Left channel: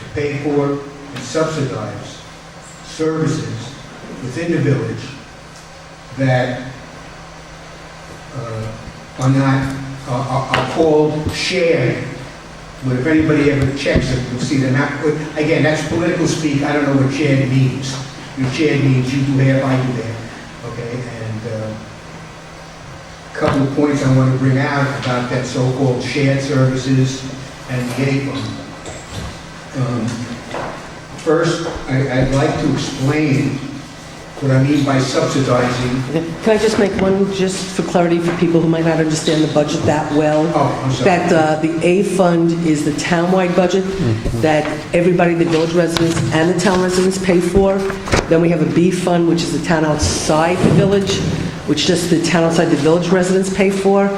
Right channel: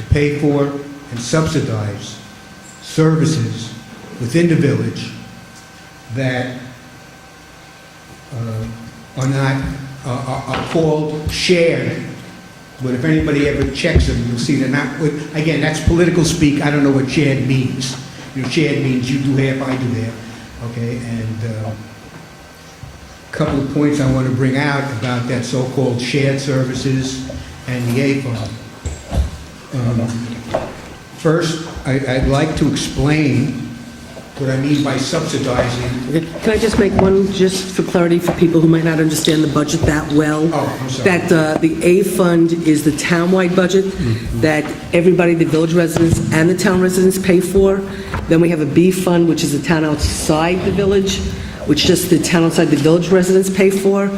to pay for and subsidize services within the village that are called shared. But if anybody ever checks them, you'll see them out. Again, that's political speak. I don't know what shared means. You know, shared means you do half, I do half. Okay, and a couple of points I want to bring out about that so-called shared services and the A fund. First, I'd like to explain what I mean by subsidizing. Can I just make one, just for clarity for people who might not understand the budget that well? Oh, I'm sorry. That the A fund is the townwide budget that everybody, the village residents and the town residents pay for. Then we have a B fund, which is the town outside the village, which just the town outside the village residents pay for.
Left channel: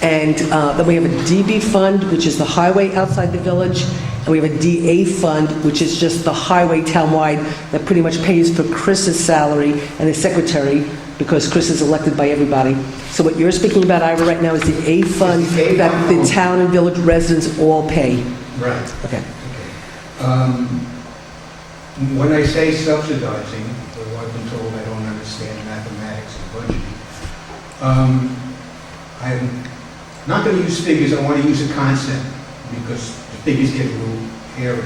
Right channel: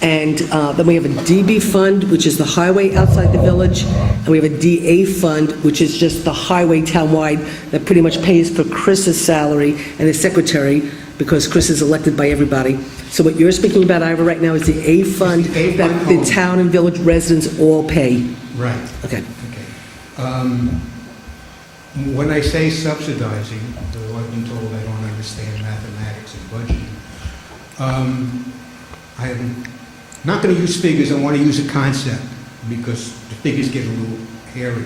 And then we have a DB fund, which is the highway outside the village. And we have a DA fund, which is just the highway townwide that pretty much pays for Chris's salary and his secretary, because Chris is elected by everybody. So what you're speaking about, Ira, right now is the A fund that the town and village residents all pay. Right. Okay. When I say subsidizing, though I've been told I don't understand mathematics and budgeting, I'm not going to use figures. I want to use a concept because the figures get a little hairy.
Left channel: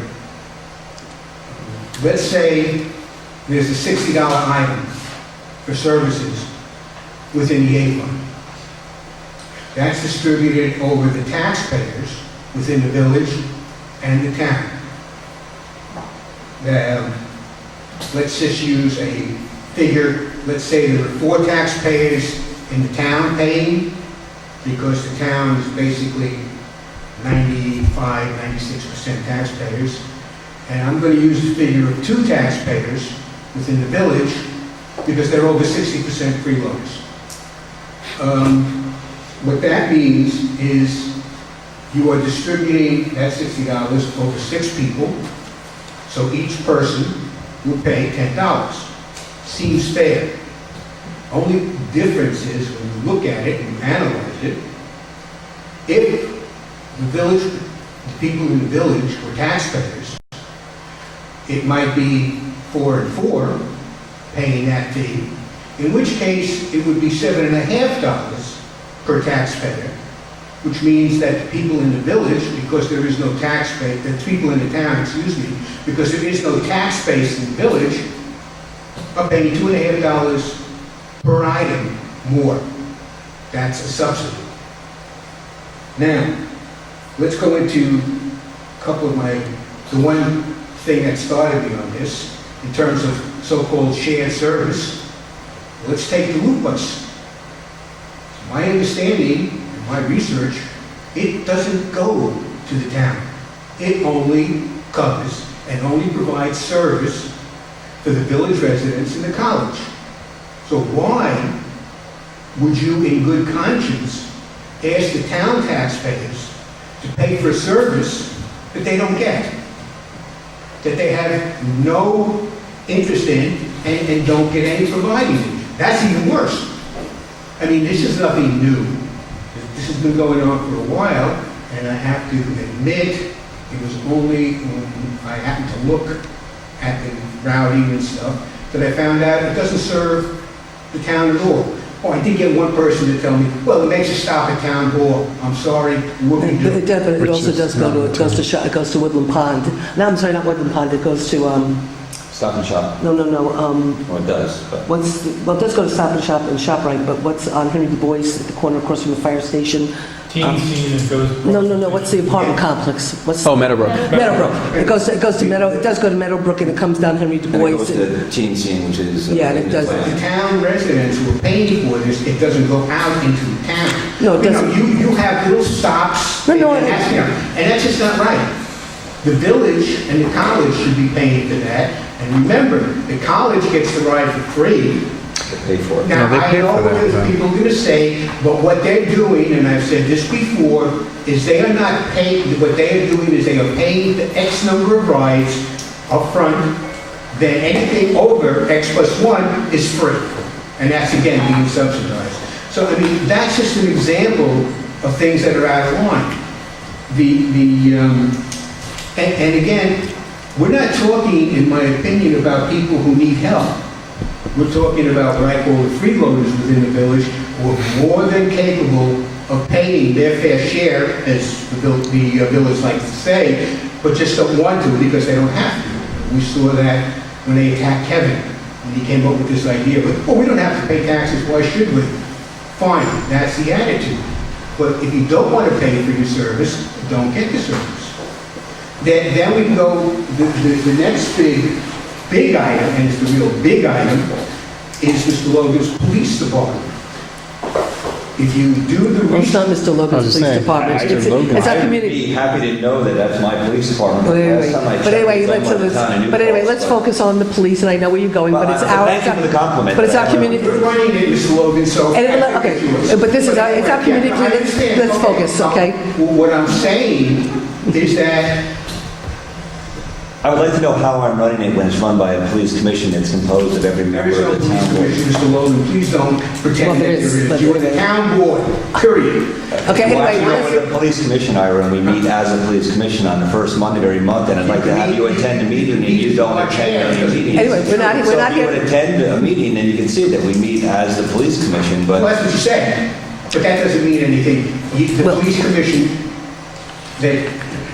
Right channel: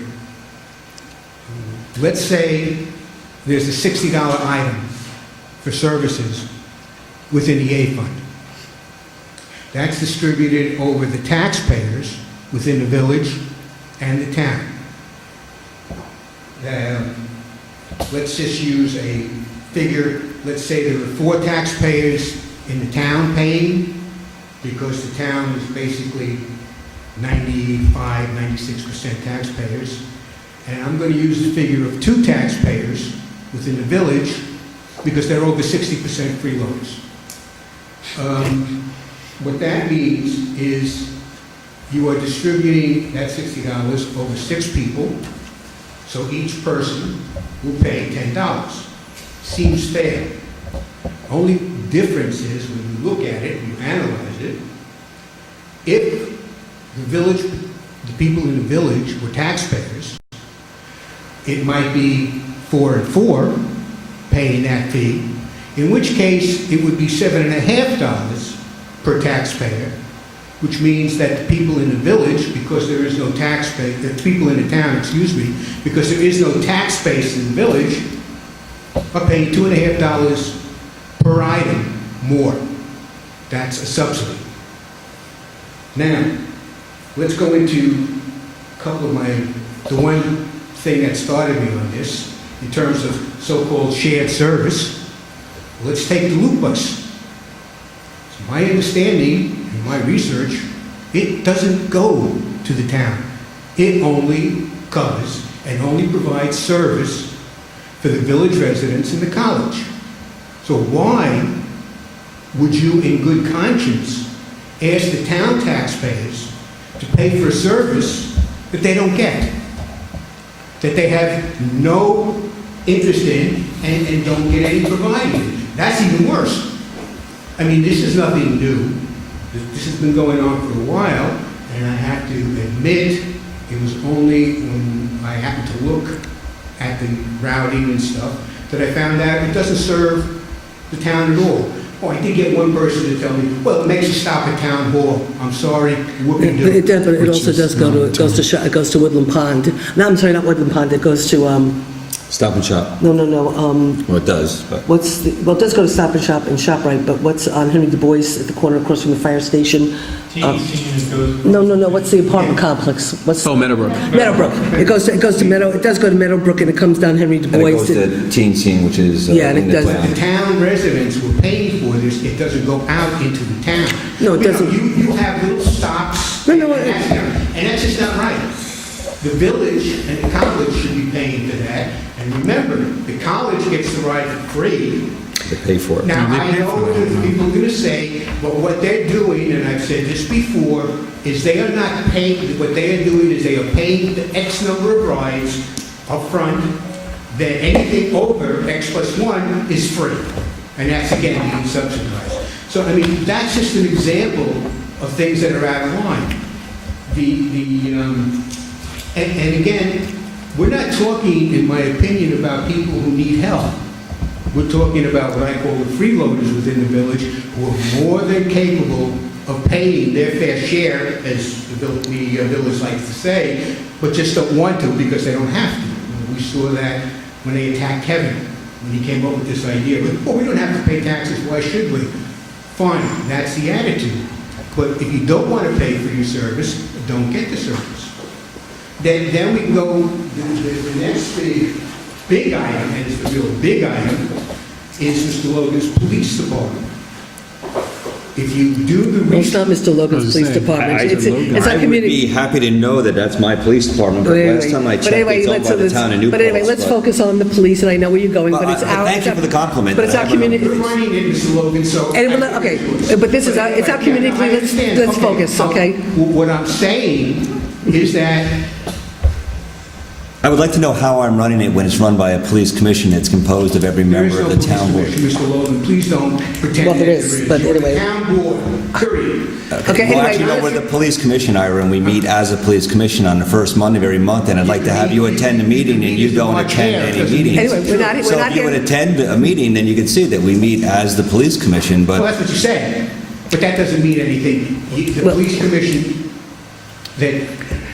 Let's say there's a $60 item for services within the A fund. That's distributed over the taxpayers within the village and the town. Let's just use a figure. Let's say there are 4 taxpayers in the town paying, because the town is basically 95, 96% taxpayers. And I'm going to use the figure of 2 taxpayers within the village, because they're over 60% freeloaders. What that means is you are distributing that $60 over 6 people, so each person will pay $10. Seems fair. Only difference is when you look at it and you analyze it, if the people in the village were taxpayers, it might be 4 and 4 paying that fee, in which case it would be $7.50 per taxpayer, which means that the people in the village, because there is no tax base, the people in the town, because there is no tax base in the village, are paying $2.50 per item more. That's a subsidy. Now, let's go into a couple of the one thing that started me on this, in terms of so-called shared service. Let's take the loop bus. So my understanding and my research, it doesn't go to the town. It only covers and only provides service for the village residents and the college. So why would you, in good conscience, ask the town taxpayers to pay for a service that they don't get, that they have no interest in and don't get any providing? That's even worse. I mean, this is nothing new. This has been going on for a while, and I have to admit, it was only when I happened to look at the routing and stuff that I found out it doesn't serve the town at all. Oh, I did get one person to tell me, well, it makes you stop at town hall. I'm sorry, what we do. It definitely also does it goes to Woodland Pond. No, I'm sorry, not Woodland Pond. It goes to Stop and Shop. No. Well, it does. But It does go to Stop and Shop and ShopRite, but what's on Henry Du Bois at the corner across from the fire station? No. What's the apartment complex? Meadowbrook. Meadowbrook. It goes to Meadow. It does go to Meadowbrook, and it comes down Henry Du And Bois. it goes to Teen Scene, which is... Yeah, and it does. The town residents who are paying for this, it doesn't go out into the town. No, it doesn't. You have little stops, and that's just not right. The village and the college should be paying for that. And remember, the college gets the ride for free. They pay for it. Now, they I pay know for that, that right. people are going to say, but what they're doing, and I've said this before, is they are not paying, what they are doing is they are paying the X number of rides up front, then anything over X plus 1 is free. And that's, again, being subsidized. So, I mean, that's just an example of things that are out of line. And again, We're not talking, in my opinion, about people who need help. We're talking about all the freeloaders within the village who are more than capable of paying their fair share, as the village likes to say, but just don't want to because they don't have to. We saw that when they attacked Kevin, when he came up with this idea, oh, we don't have to pay taxes, why should we? Fine, that's the attitude. But if you don't want to pay for your service, don't get the service. Then we go, the next big item, and it's the real big item, is Mr. Logan's police department. If you do the It's not research, Mr. Logan's police department. It's our I'd community. be happy to know that that's my police department. But Last time I anyway, checked, it's owned by the town of New but anyway, Paltz, let's but- focus on the police, and I know where you're going, but it's our... Thank you for the compliment. But it's our community... we're running it, Mr. Logan, so... Okay, but this is, it's our community, I understand. let's focus, okay? What I'm saying is that I would like to know how I'm running it when it's run by a police commission that's composed of every there is member no of the police town board. commission, Mr. Logan. Please don't pretend Well, that there there is, is. but- You're the town board, period. Okay, Well, actually, no, we're the police commission, Ira, and we meet as a police commission on the first Monday of every month, and I'd like to have you attend a meeting, and you don't attend any meetings. Anyway, we're not So if you would here... attend a meeting, then you could see that we meet as the police commission, Well, but that's what you said, but that doesn't mean anything. The Well- police commission, that...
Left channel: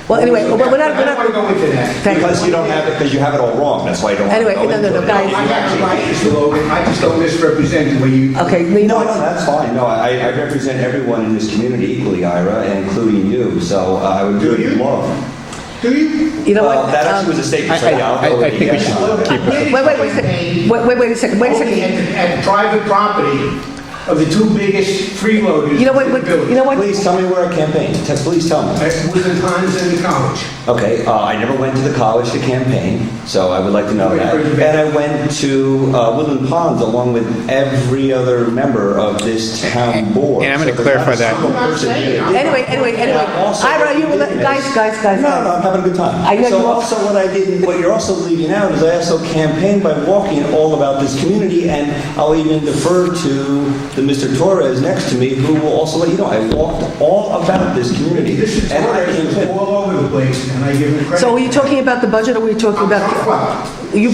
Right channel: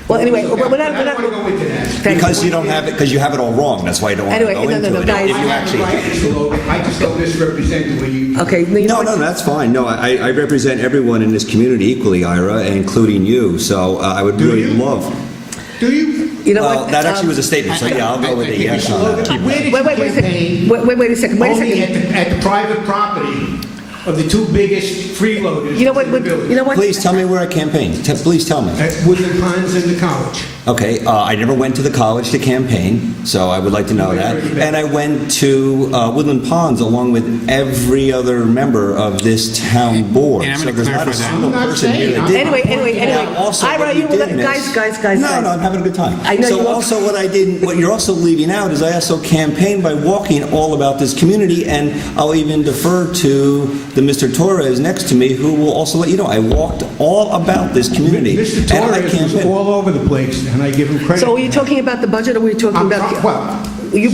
Well, anyway, we're not- I don't want to go into that. because you don't have it, because you have it all wrong, that's why you don't want to Anyway, go no, into no, it. no, I guys. have the right, Mr. Logan, I just don't misrepresent what you... Okay, No, that's fine. No, I represent everyone in this community equally, Ira, including you, so I would Do really you? love... Do you? You know what? That actually was a statement, so yeah, I'll go with I it, think we yes. should Logan, keep I with managed it. my campaign Wait a second, only at the private property of the two biggest freeloaders You know what, in the village. you know what? Please tell me where I campaign. Please tell me. At Woodland Ponds and the college. Okay, I never went to the college to campaign, so I would like to know that. And I went to Woodland Ponds along with every other member of this town board. And I'm gonna So there's clarify not a that. single I'm not person saying- here that did. Anyway. Now, also, Ira, what you, we did is- guys. No, I'm having a good time. I know So you are. also what I did, what you're also leaving out is I also campaigned by walking all about this community, and I'll even defer to the Mr. Torres next to me, who will also let you know, I walked all about this community. Mr. And I Torres was campaigned. all over the place, and I give him credit. So are you talking about the budget, or were you talking I'm about... well, You-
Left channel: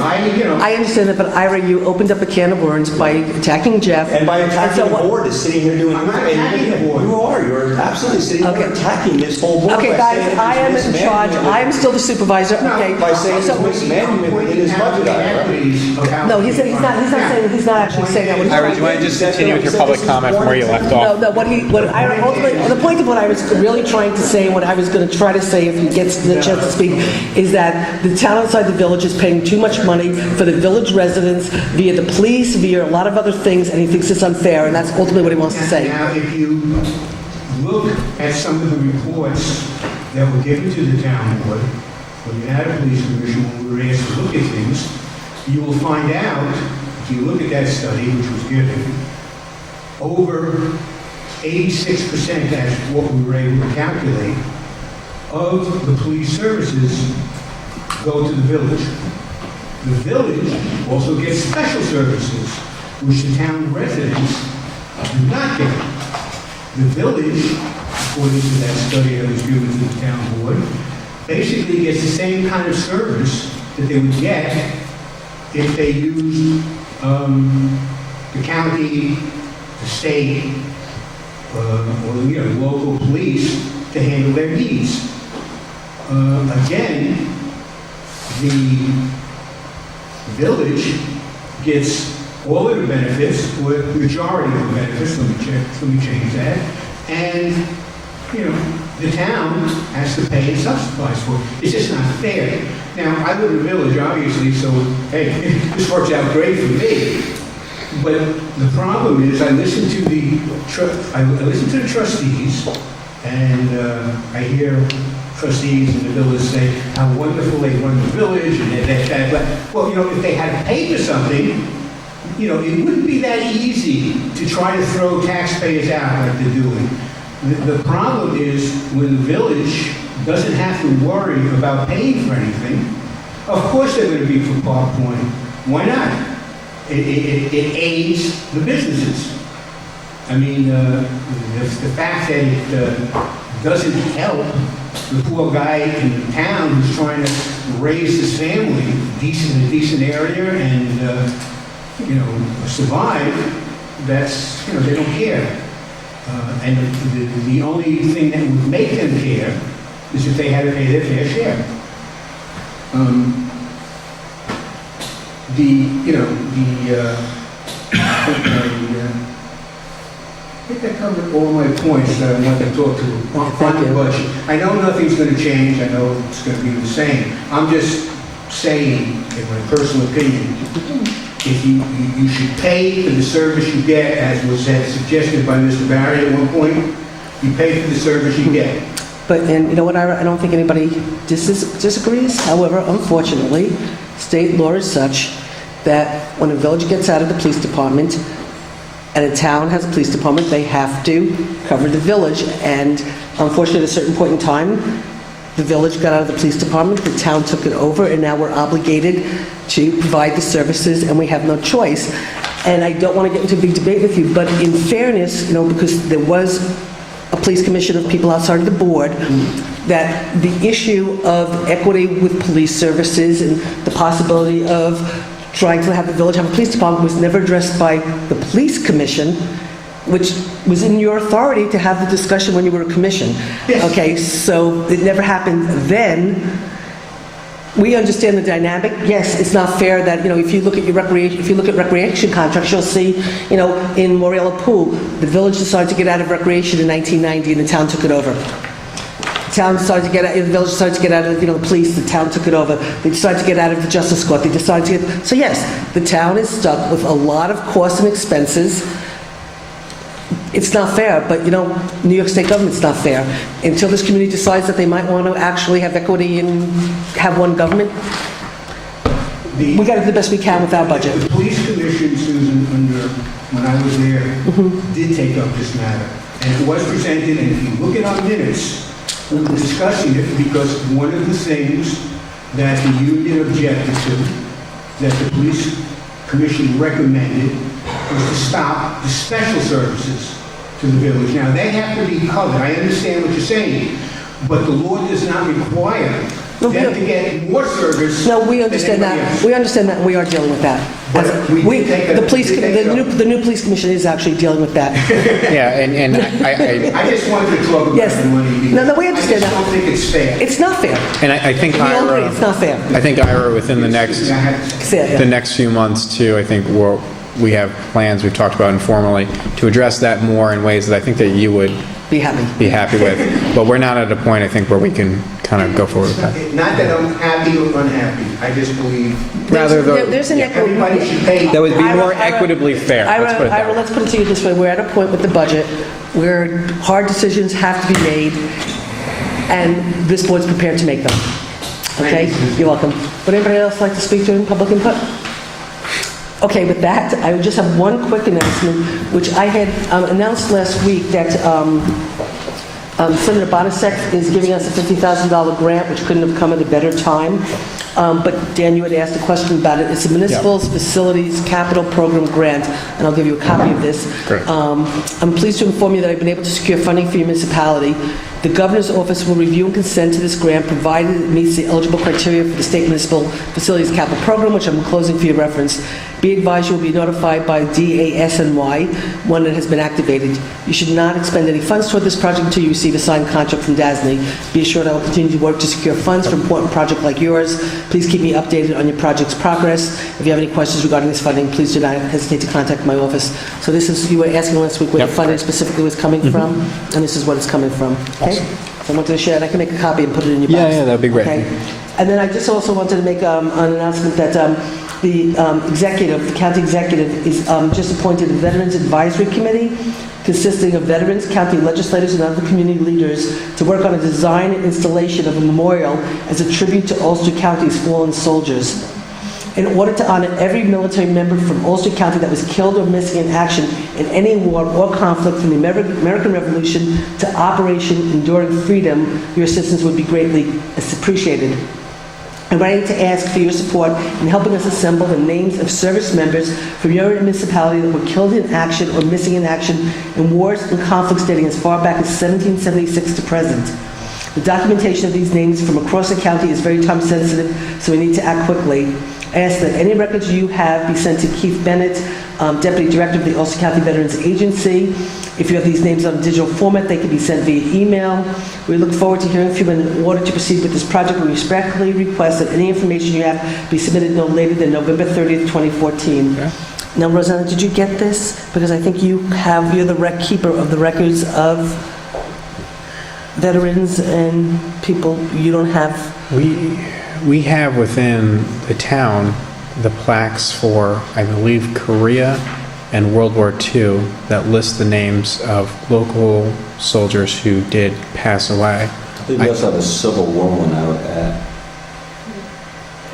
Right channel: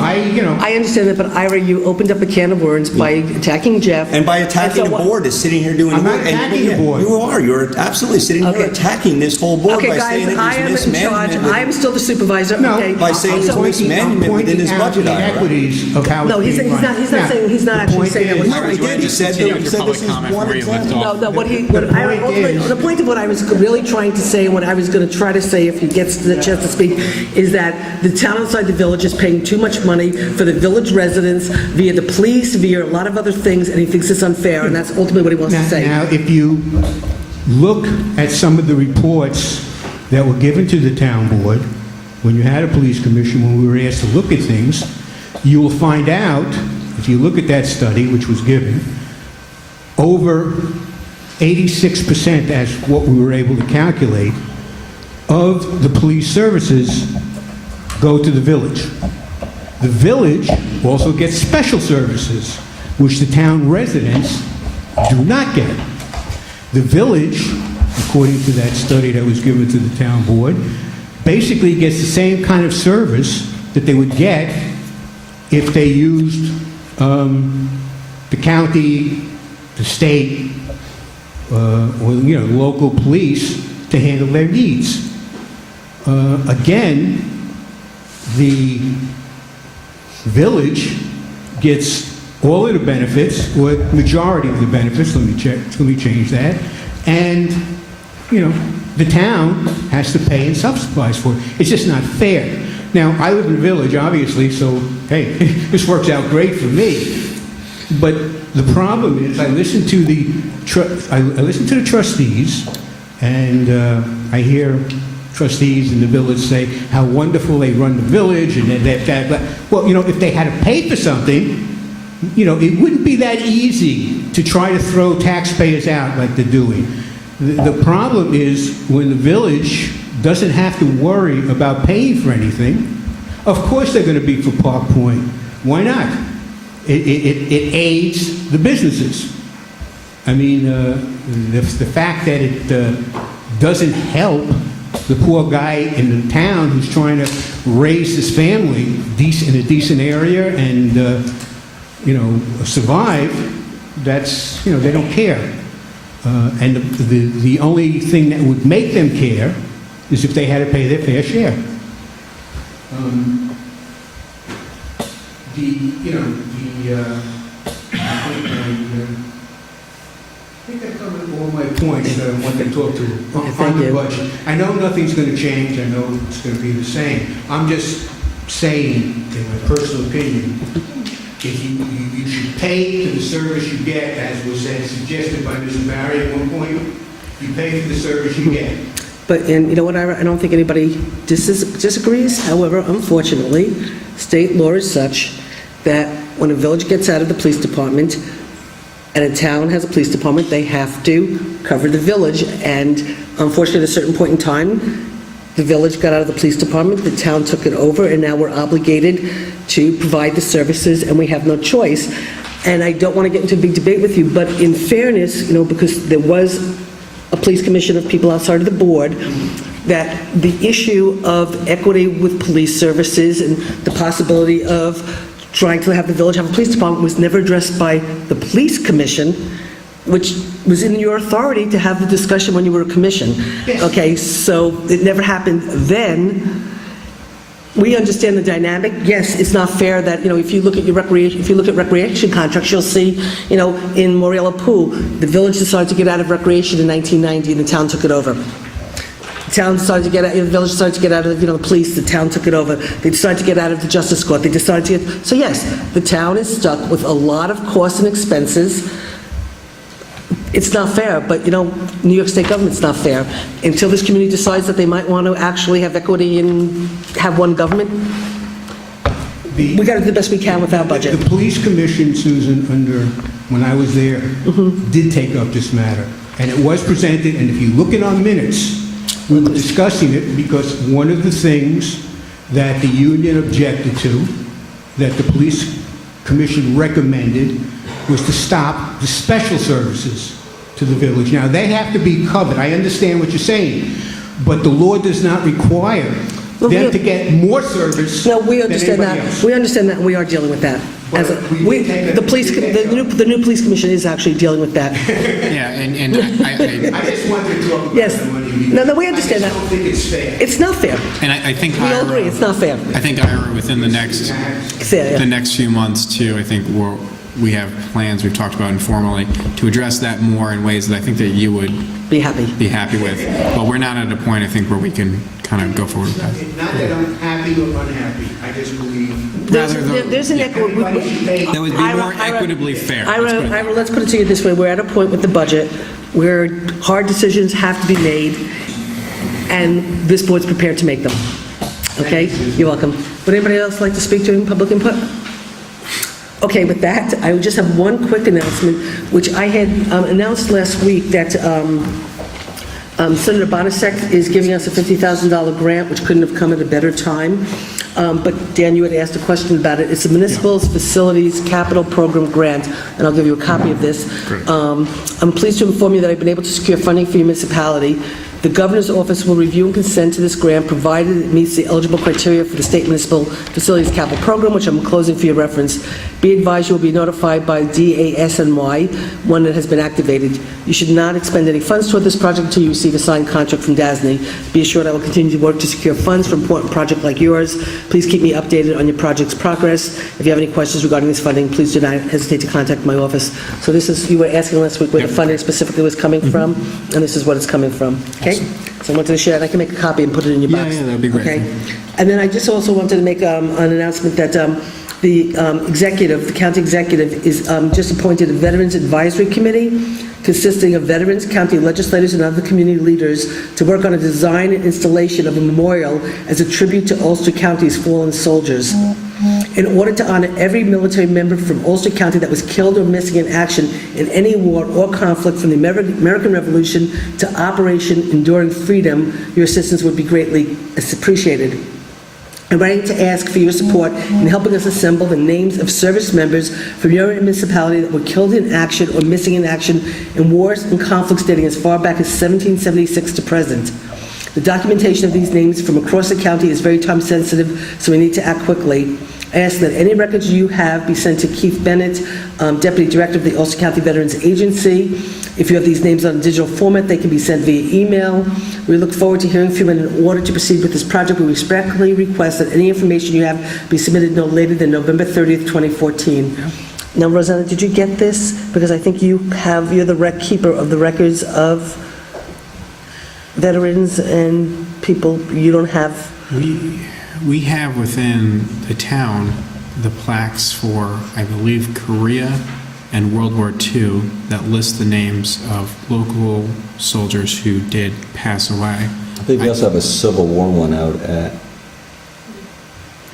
I understand that, but Ira, you opened up a can of words by attacking Jeff. And by attacking And the so what- board is sitting here doing... I'm not and attacking the board. You are. You're absolutely sitting Okay. here attacking this whole board Okay, by guys, saying I am there's in charge. mismanagement. I'm still the supervisor, No, okay? By saying So- there's mismanagement within his out budget. the Ira. equities of how No, he's it came not out. saying, he's not The actually point saying that. is- Ira, do you want to just continue with your public comment from where you left No, off? no, the point of what I was really trying to say, what I was going to try to say if he gets the chance to speak, is that the town outside the village is paying too much money for the village residents via the police, via a lot of other things, and he thinks it's unfair, and that's ultimately what he wants to say. Now, if you look at some of the reports that were given to the town board, when you had a police commission, when we were asked to look at things, you will find out, if you look at that study, which was given, over 86%, as what we were able to calculate, of the police services go to the village. The village also gets special services, which the town residents do not get. The village, according to that study that was given to the town board, basically gets the same kind of service that they would get if they used the county, the state, or local police to handle their needs. Again, the village gets all of the benefits, or majority of the benefits, let me change that, and, the town has to pay and subsidize for it. It's just not fair. Now, I live in the village, obviously, so, hey, this works out great for me. But the problem is, I listen to the trustees, and I hear trustees in the village say how wonderful they run the village and that. Well, if they had to pay for something, it wouldn't be that easy to try to throw taxpayers out like they're doing. The problem is when the village doesn't have to worry about paying for anything, of course they're going to be for Park Point. Why not? It aids the businesses. I mean, the fact that it doesn't help the poor guy in the town who's trying to raise his family in a decent area and, survive. That's, they don't care. And the only thing that would make them care is if they had to pay their fair share. I think I covered all my points that I want to talk to on the budget. I know nothing's going to change. I know it's going to be the same. I'm just saying, in my personal opinion, if you should pay for the service you get, as was suggested by Mr. Barry at one point, you pay for the service you get. But, and you know what, I don't think anybody disagrees. However, unfortunately, state law is such that when a village gets out of the police department and a town has a police department, they have to cover the village. And unfortunately, at a certain point in time, the village got out of the police department, the town took it over, and now we're obligated to provide the services, and we have no choice. And I don't want to get into a big debate with you, but in fairness, because there was a police commission of people outside of the board, that the issue of equity with police services and the possibility of trying to have the village have a police department was never addressed by the police commission, which was in your authority to have the discussion when you were a commission. Yes. Okay, so it never happened then. We understand the dynamic. Yes, it's not fair that, if you look at recreation contracts, you'll see, in Morella Pool, the village decided to get out of recreation in 1990 and the town took it over. The village decided to get out of the police, the town took it over. They decided to get out of the justice court. They decided to get, so yes, the town is stuck with a lot of costs and expenses. It's not fair, but New York State government's not fair. Until this community decides that they might want to actually have equity and have one government, we got to do the best we can with our budget. The police commission, Susan, when I was there, did take up this matter. And it was presented, and if you look at our minutes, we were discussing it because one of the things that the union objected to, that the police commission recommended, was to stop the special services to the village. Now, they have to be covered. I understand what you're saying, but the law does not require them to get more service. No, we understand than anybody that. else. We understand that. We are dealing with that. But The new police commission is actually dealing with that. Yeah, and I just wanted to talk about Yes. the money. Because No, we understand I just that. don't think it's fair. It's not fair. and I think We all agree, it's not fair. Ira, within the next few months too, I think we have plans we've talked about informally to address that more in ways that I think that you would Be happy. with. But we're not at a point, I think, where we can kind of go forward with that. Not that I'm happy or unhappy. I just believe Rather, There's an everybody should pay. that would be more equitably fair. Let's put it that way. Let's put it to you this way. We're at a point with the budget where hard decisions have to be made, and this board's prepared to make them. Okay? You're welcome. Would anybody else like to speak to in public input? Okay, with that, I would just have one quick announcement, which I had announced last week that Senator Bonasek is giving us a $50,000 grant, which couldn't have come at a better time. But Dan, you had asked a question about it. It's a Municipal Facilities Capital Program grant, and I'll give you a copy of this. Great. I'm pleased to inform you that I've been able to secure funding for your municipality. The Governor's Office will review and consent to this grant, provided it meets the eligible criteria for the State Municipal Facilities Capital Program, which I'm enclosing for your reference. Be advised you will be notified by DASNY when it has been activated. You should not expend any funds toward this project until you receive a signed contract from DASNY. Be assured I will continue to work to secure funds for an important project like yours. Please keep me updated on your project's progress. If you have any questions regarding this funding, please do not hesitate to contact my office. So this is, you were asking last week where the funding specifically was coming from, and this is what it's coming from. Okay? So I wanted to share that. I can make a copy and put it in your box. Yeah, that'd be great. Okay? And then I just also wanted to make an announcement that the county executive is just appointed a Veterans Advisory Committee consisting of veterans, county legislators, and other community leaders to work on a design and installation of a memorial as a tribute to Ulster County's fallen soldiers. In order to honor every military member from Ulster County that was killed or missing in action in any war or conflict from the American Revolution to Operation Enduring Freedom, your assistance would be greatly appreciated. I'm ready to ask for your support in helping us assemble the names of service members from your municipality that were killed in action or missing in action in wars and conflicts dating as far back as 1776 to present. The documentation of these names from across the county is very time sensitive, so we need to act quickly. I ask that any records you have be sent to Keith Bennett, Deputy Director of the Ulster County Veterans Agency. If you have these names on a digital format, they can be sent via email. We look forward to hearing from you, and in order to proceed with this project, we respectfully request that any information you have be submitted no later than November 30th, 2014. Yeah. Now, Rosanna, did you get this? Because I think you're the rec keeper of the records of veterans and people you don't have. We have within the town the plaques for, I believe, Korea and World War II that list the names of local soldiers who did pass away. I think we also have a Civil War one out at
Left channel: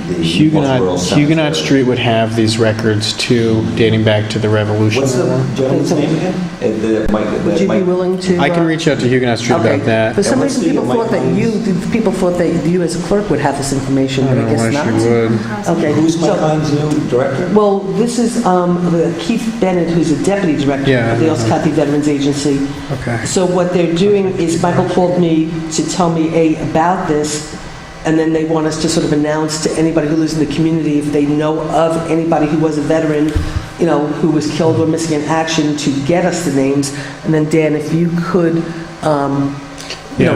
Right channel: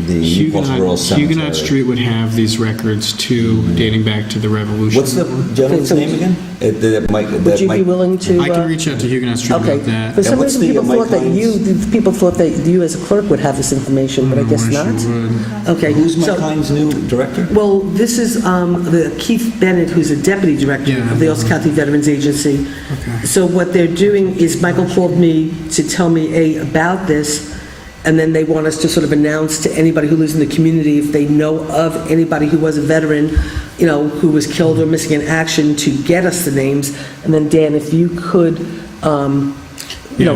the Rural Cemetery. Huguenot Street would have these records too, dating back to the Revolution. What's the gentleman's name again? Would you be willing to? I can reach out to Huguenot Street Okay. about that. For some And what's reason, the people thought that you as a clerk would have this information, but I guess Why not. she would. Okay. Who's so- Mike Hines' new director? Well, this is the Keith Bennett, who's the deputy director Yeah. of the Ulster County Veterans Agency. Okay. So what they're doing is Michael called me to tell me about this, and then they want us to sort of announce to anybody who lives in the community if they know of anybody who was a veteran, who was killed or missing in action, to get us the names. And then Dan, if you could, Yeah.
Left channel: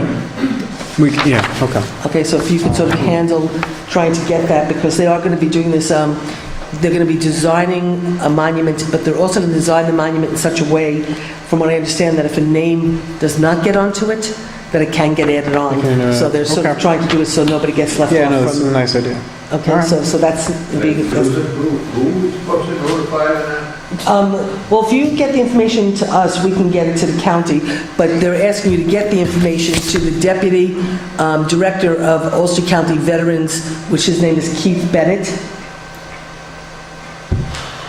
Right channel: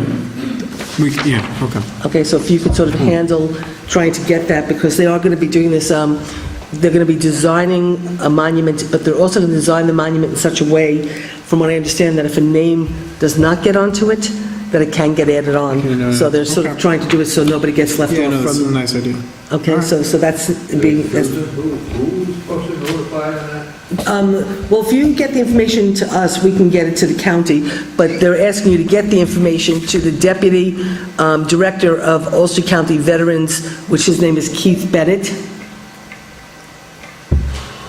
Okay. okay, so if you could sort of handle trying to get that, because they are going to be doing this, they're going to be designing a monument, but they're also going to design the monument in such a way, from what I understand, that if a name does not get onto it, that it can get added on. Okay, So they're sort of okay. trying to do it so nobody gets left Yeah, off no, it's a from... nice idea. Okay, so that's being... Who's supposed to notify them? Well, if you get the information to us, we can get it to the county, but they're asking you to get the information to the Deputy Director of Ulster County Veterans, which his name is Keith Bennett.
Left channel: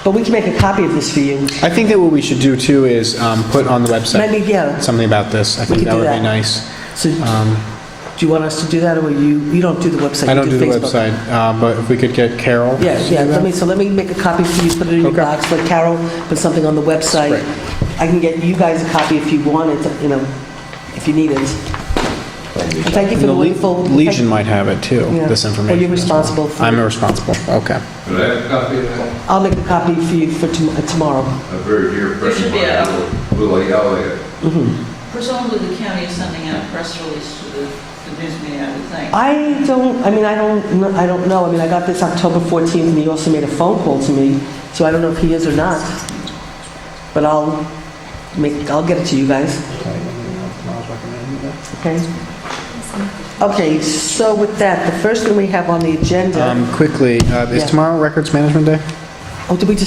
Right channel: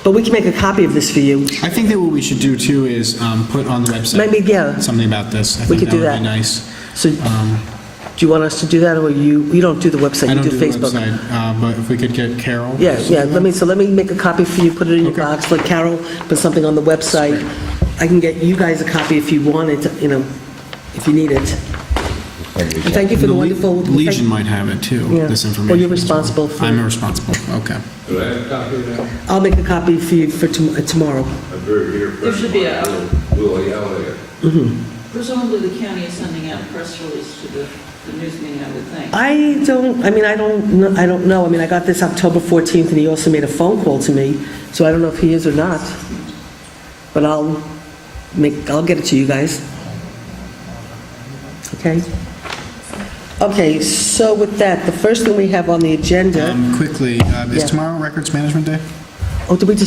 But we can make a copy of this for you. I think that what we should do too is put on the website Maybe, yeah. something about this. I think could that do would that. be nice. So, do you want us to do that, or you don't do the website? I you don't do the Facebook? website, but if we could get Carol. Yeah, to do yeah. that. Let me make a copy for you. Put it in your Okay. box. Let Carol put something on the website. Great. I can get you guys a copy if you want it. If you need it. Thank you for And the the wonderful. Legion might have it too. Yeah. This information. Well, you're as well. responsible for I'm it. responsible. Okay. Could I have a copy of that? I'll make a copy for you for tomorrow. A very dear friend should of be mine, a- Willie Elliott. Presumably the county is sending out a press release to the news media, I would think. I don't know. I got this October 14th, and he also made a phone call to me, so I don't know if he is or not. But I'll get it to you guys. Okay. Okay, so with that, the first thing we have on the agenda. Quickly, is tomorrow Records Management Day? Oh, did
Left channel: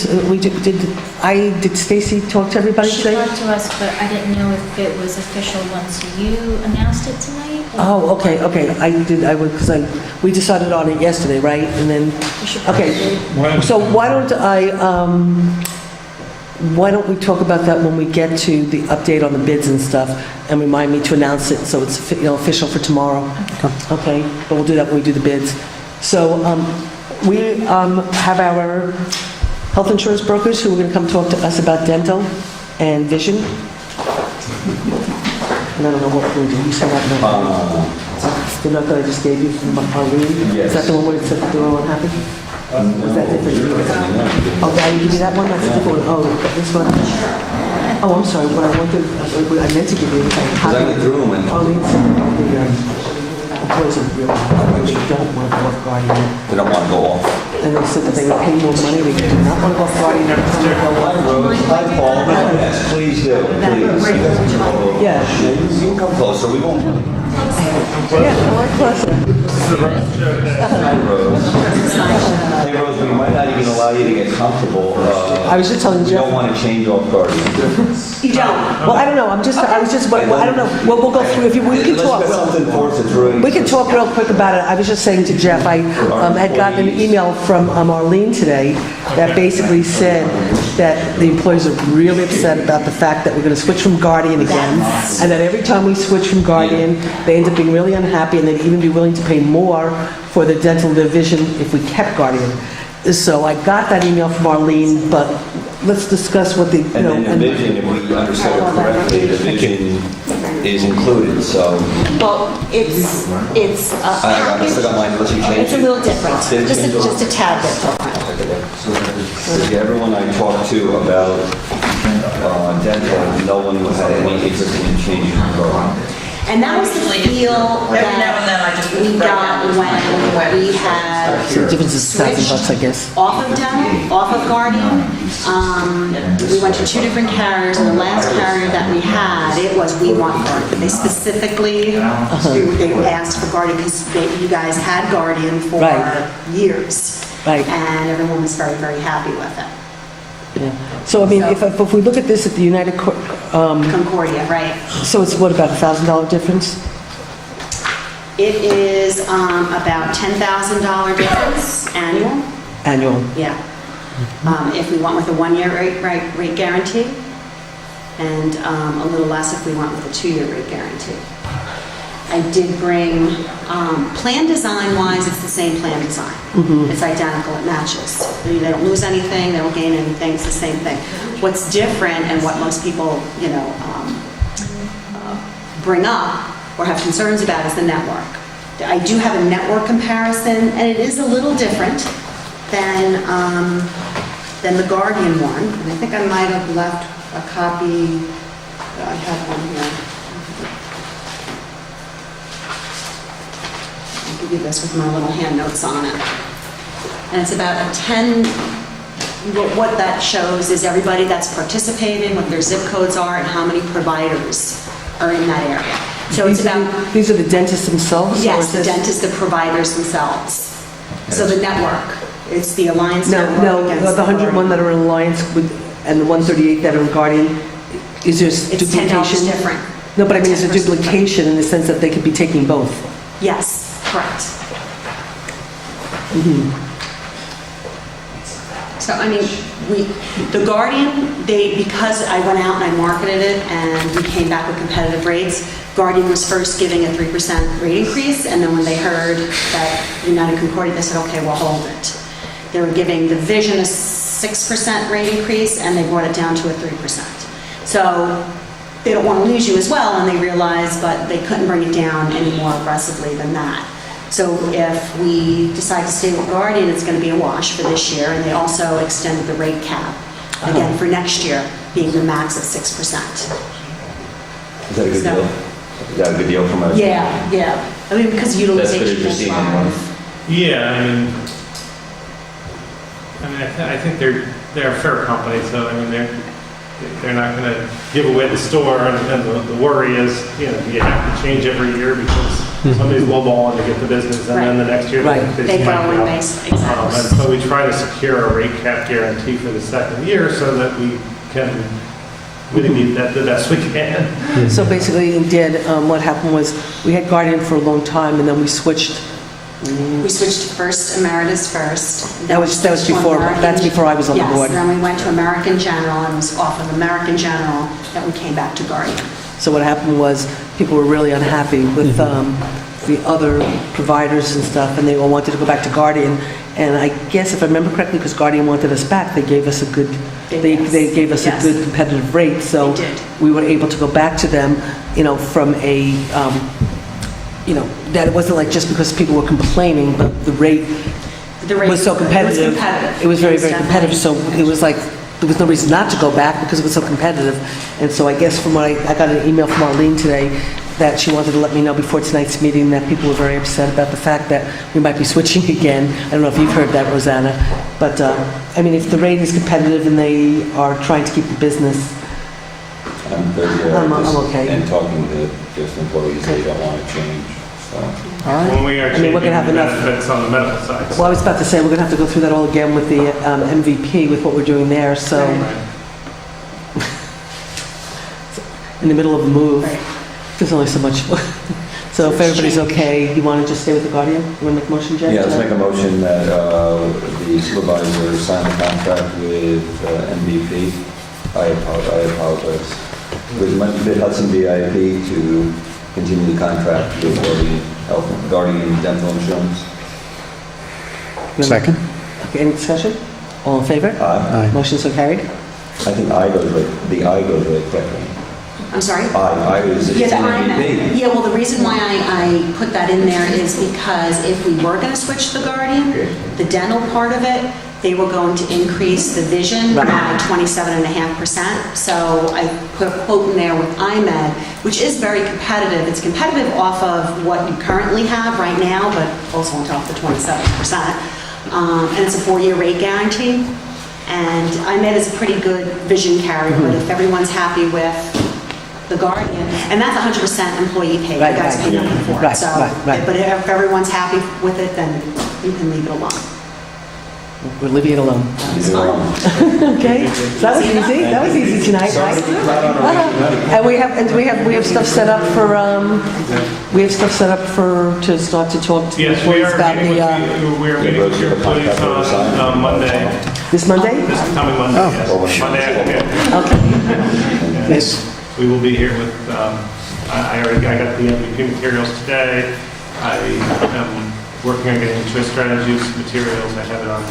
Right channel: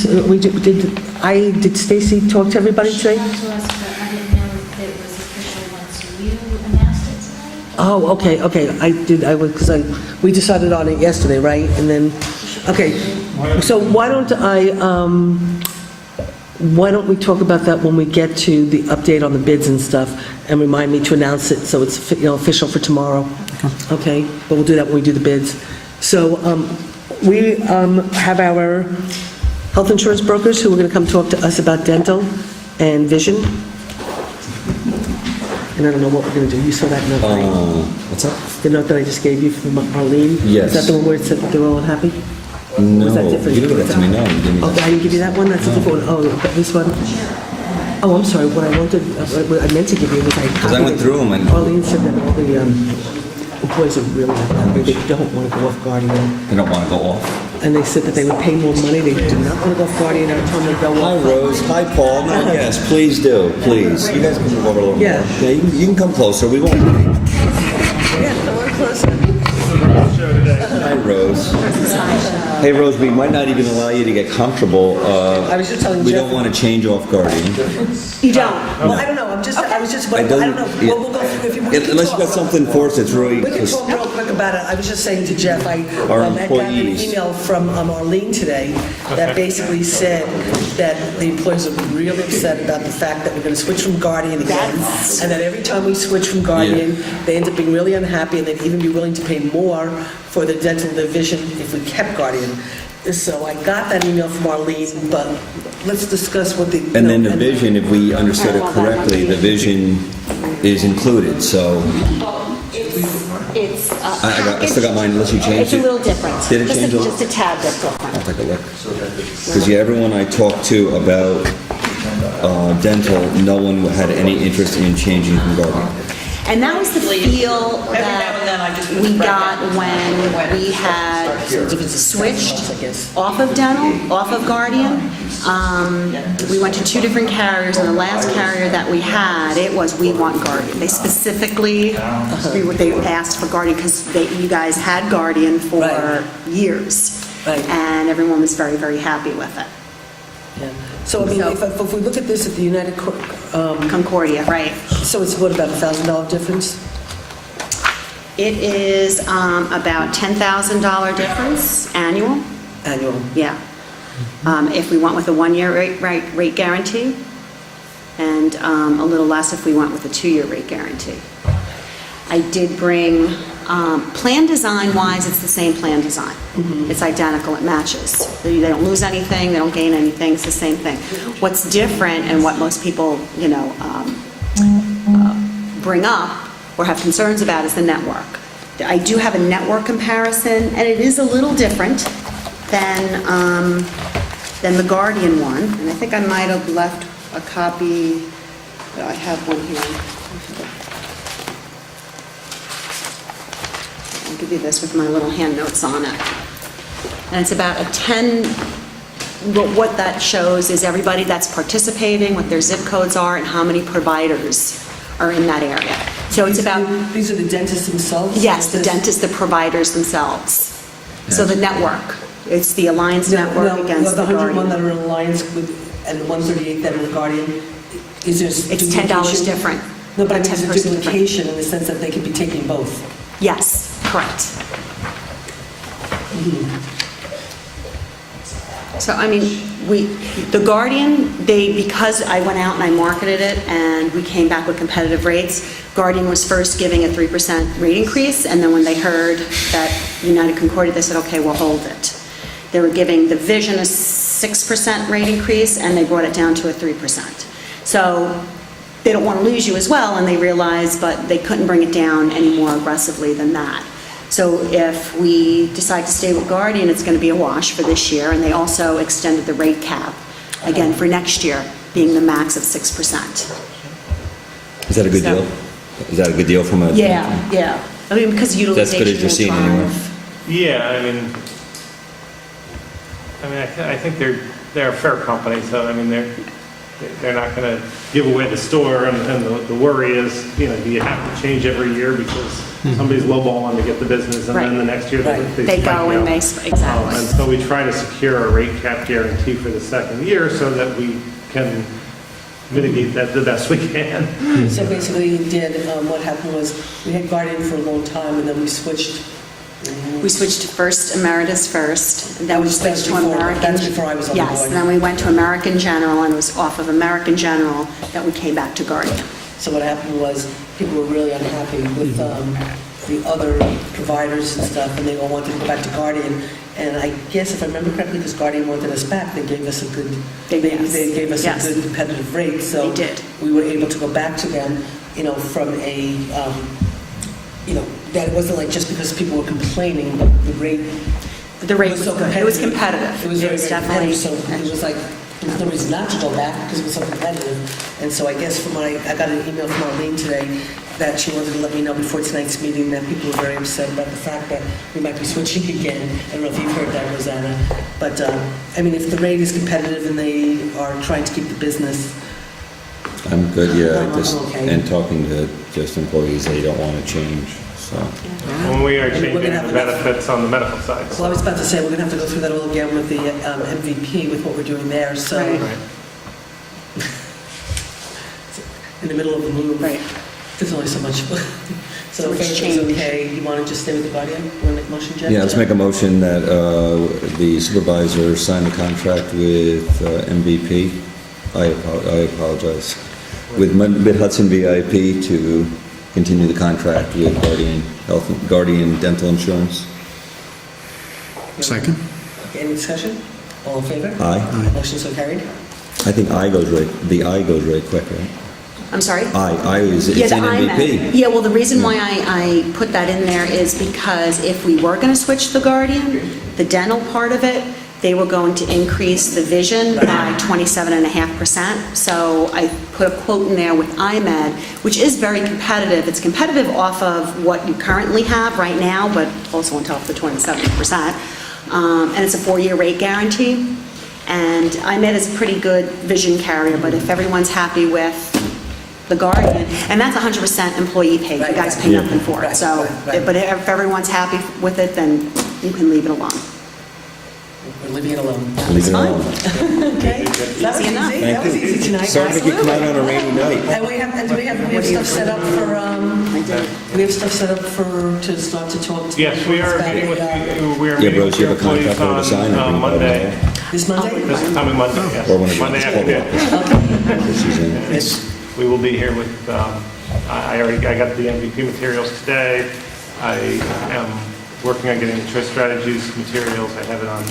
Stacy talk to everybody She today? talked to us, but I didn't know if it was official once you announced it tonight. or- Oh, okay. We decided on it yesterday, right? And then, okay. So why don't we talk about that when we get to the update on the bids and stuff, and remind me to announce it so it's official for tomorrow. Okay, but we'll do that when we do the bids. So we have our health insurance brokers who are going to come talk to us about dental and vision. And I don't know what we're going to do. You saw that note. What's that? The note that I just gave you from Arlene? Yes. Is that the one where it said they're all unhappy? No, you didn't get to me now. You didn't. Oh, I didn't give you that one? That's the one. Oh, this one? Oh, I'm sorry. What I meant to give you was a Because I went through them and Arlene's, employees are really don't want to go off guardian. they don't want to go off. And they said that they would pay more money. They do not want to go off guardian every time they go Hi, off. Rose. Hi, Paul. No, yes, please do. Please. You guys can go. Yeah. You can come closer. We won't. Hi, Rose. Hey, Rose, we might not even allow you to get comfortable. I was just telling We Jeff. don't want to change off Guardian. You don't? Well, I don't know. I don't know. We'll go through. If you, we can Unless talk. you've got something for us that's really... We can talk real quick about it. I was just saying to Jeff, I had gotten an employees. email from Arlene today that basically said that the employees are really upset about the fact that we're going to switch from Guardian again, and that every time we switch from Guardian, they end up being really unhappy, and they'd even be willing to pay more for the dental division if we kept Guardian. So I got that email from Arlene, but let's discuss what the... And then the vision, if we understood it correctly, the vision is included, so Well, it's, I still got mine unless you change it's it. a little different. Did it Just change a a, little? just a tad bit different. Because yeah, everyone I talked to about dental, no one had any interest in changing from Guardian. And that was the feel Every now and then I just that we write got down when we had Difference is $1,000, I switched guess. off of dental, off of Guardian. We went to 2 different carriers, and the last carrier that we had, it was, we want Guardian. They specifically, they asked for Guardian because you guys had Guardian for Right. years. Right. And everyone was very, very happy with it. Yeah. So, I mean, if we look at this at the United, Concordia, right. so it's what, about $1,000 difference? It is about $10,000 difference annual. Annual. Yeah. If we went with a 1-year rate guarantee, and a little less if we went with a 2-year rate guarantee. I did bring, plan design-wise, it's the same plan design. It's identical, it matches. They don't lose anything, they don't gain anything, it's the same thing. What's different and what most people, bring up or have concerns about is the network. I do have a network comparison, and it is a little different than the Guardian one. And I think I might have left a copy, I have one here. I'll give you this with my little hand notes on it. And it's about a 10, what that shows is everybody that's participating, what their zip codes are, and how many providers are in that area. So it's about, These are the dentists themselves? or yes, is the this- dentists, the providers themselves. So the network, it's the Alliance No, network against the the 101 Guardian. that are in Alliance with, and the 138 that are in Guardian, is there It's duplication? $10 different. No, but I mean, is there 10% different. duplication in the sense that they could be taking both? Yes, correct. So, I mean, the Guardian, because I went out and I marketed it and we came back with competitive rates, Guardian was first giving a 3% rate increase, and then when they heard that United Concordia, they said, okay, we'll hold it. They were giving the Vision a 6% rate increase, and they brought it down to a 3%. So they don't want to lose you as well, and they realized, but they couldn't bring it down any more aggressively than that. So if we decide to stay with Guardian, it's going to be a wash for this year, and they also extended the rate cap, again, for next year, being the max of 6%. Is that a good So- deal? Is that a good deal from a? Yeah. I mean, because That's utilization good if you're will seeing anyone. drive. Yeah, I think they're a fair company, so they're not going to give away the store, and the worry is, do you have to change every year because somebody's lowballing to get the business, and then the next year Right. They go and basically, exactly. And so we try to secure a rate cap guarantee for the second year so that we can mitigate that the best we can. So basically, what happened was, we had Guardian for a long time, and then we switched. We switched to First Emeritus first. and then That we was switched to before- American- that's before I was on the board. Yes, then we went to American General, and it was off of American General that we came back to Guardian. So what happened was, people were really unhappy with the other providers and stuff, and they all wanted to go back to Guardian. And I guess if I remember correctly, because Guardian wanted us back, they gave us a good, they gave us a Yes. good competitive rate. So They did. we were able to go back to them, from a, that it wasn't like just because people were complaining, but the rate The rate was so competitive. It was competitive. It was very, Yes, very competitive, so definitely. it was like, there was no reason not to go back because it was so competitive. And so I guess from what I got an email from Arlene today that she wanted to let me know before tonight's meeting that people were very upset about the fact that we might be switching again. I don't know if you've heard that, Rosanna, but, if the rate is competitive and they are trying to keep the business, I'm good, I'm okay. And talking to just employees, they don't want to change, so. And we are I mean, changing we're the gonna have enough- benefits on the medical side. well, I was about to say, we're going to have to go through that all again with the MVP, with what we're doing there, so, Right. in the middle of the move. Right. There's only so much. So if everybody's okay, you want to just stay with the Guardian? You want to make a motion, Jen? Yeah, let's make a motion that the supervisor sign a contract with MVP. I apologize. With Mid-Hudson VIP to continue the contract with Guardian Dental Insurance. Second? Okay, any discussion? All in favor? Aye. Motion so carried. I think the I goes really quick, right? I'm sorry? I is, it's Yeah, an the IMAD. MVP. Yeah, well, the reason why I put that in there is because if we were going to switch to the Guardian, the dental part of it, they were going to increase the vision by 27.5%. So I put a quote in there with IMAD, which is very competitive. It's competitive off of what you currently have right now, but also on top of the 27%. And it's a 4-year rate guarantee. And IMAD is a pretty good vision carrier, but if everyone's happy with the Guardian, and that's 100% employee paid, you Right, guys right. pay nothing for Right, it. So, right. but if everyone's happy with it, then you can leave it alone. We're leaving it alone. Leave it alone. Okay, that was easy, that was easy tonight. Sorry to come out on a rainy night. And we have stuff set up for, to start to talk to the Yes, we employees are about meeting the, with, we are Yeah, meeting we'll with see your the contract we'll employees sign. on Monday. this Monday? This is coming Monday, yes. Well, when you- Monday afternoon. Okay. Yes. We will be here with, I got the MVP materials today. I am working on getting the choice strategies materials. I have it on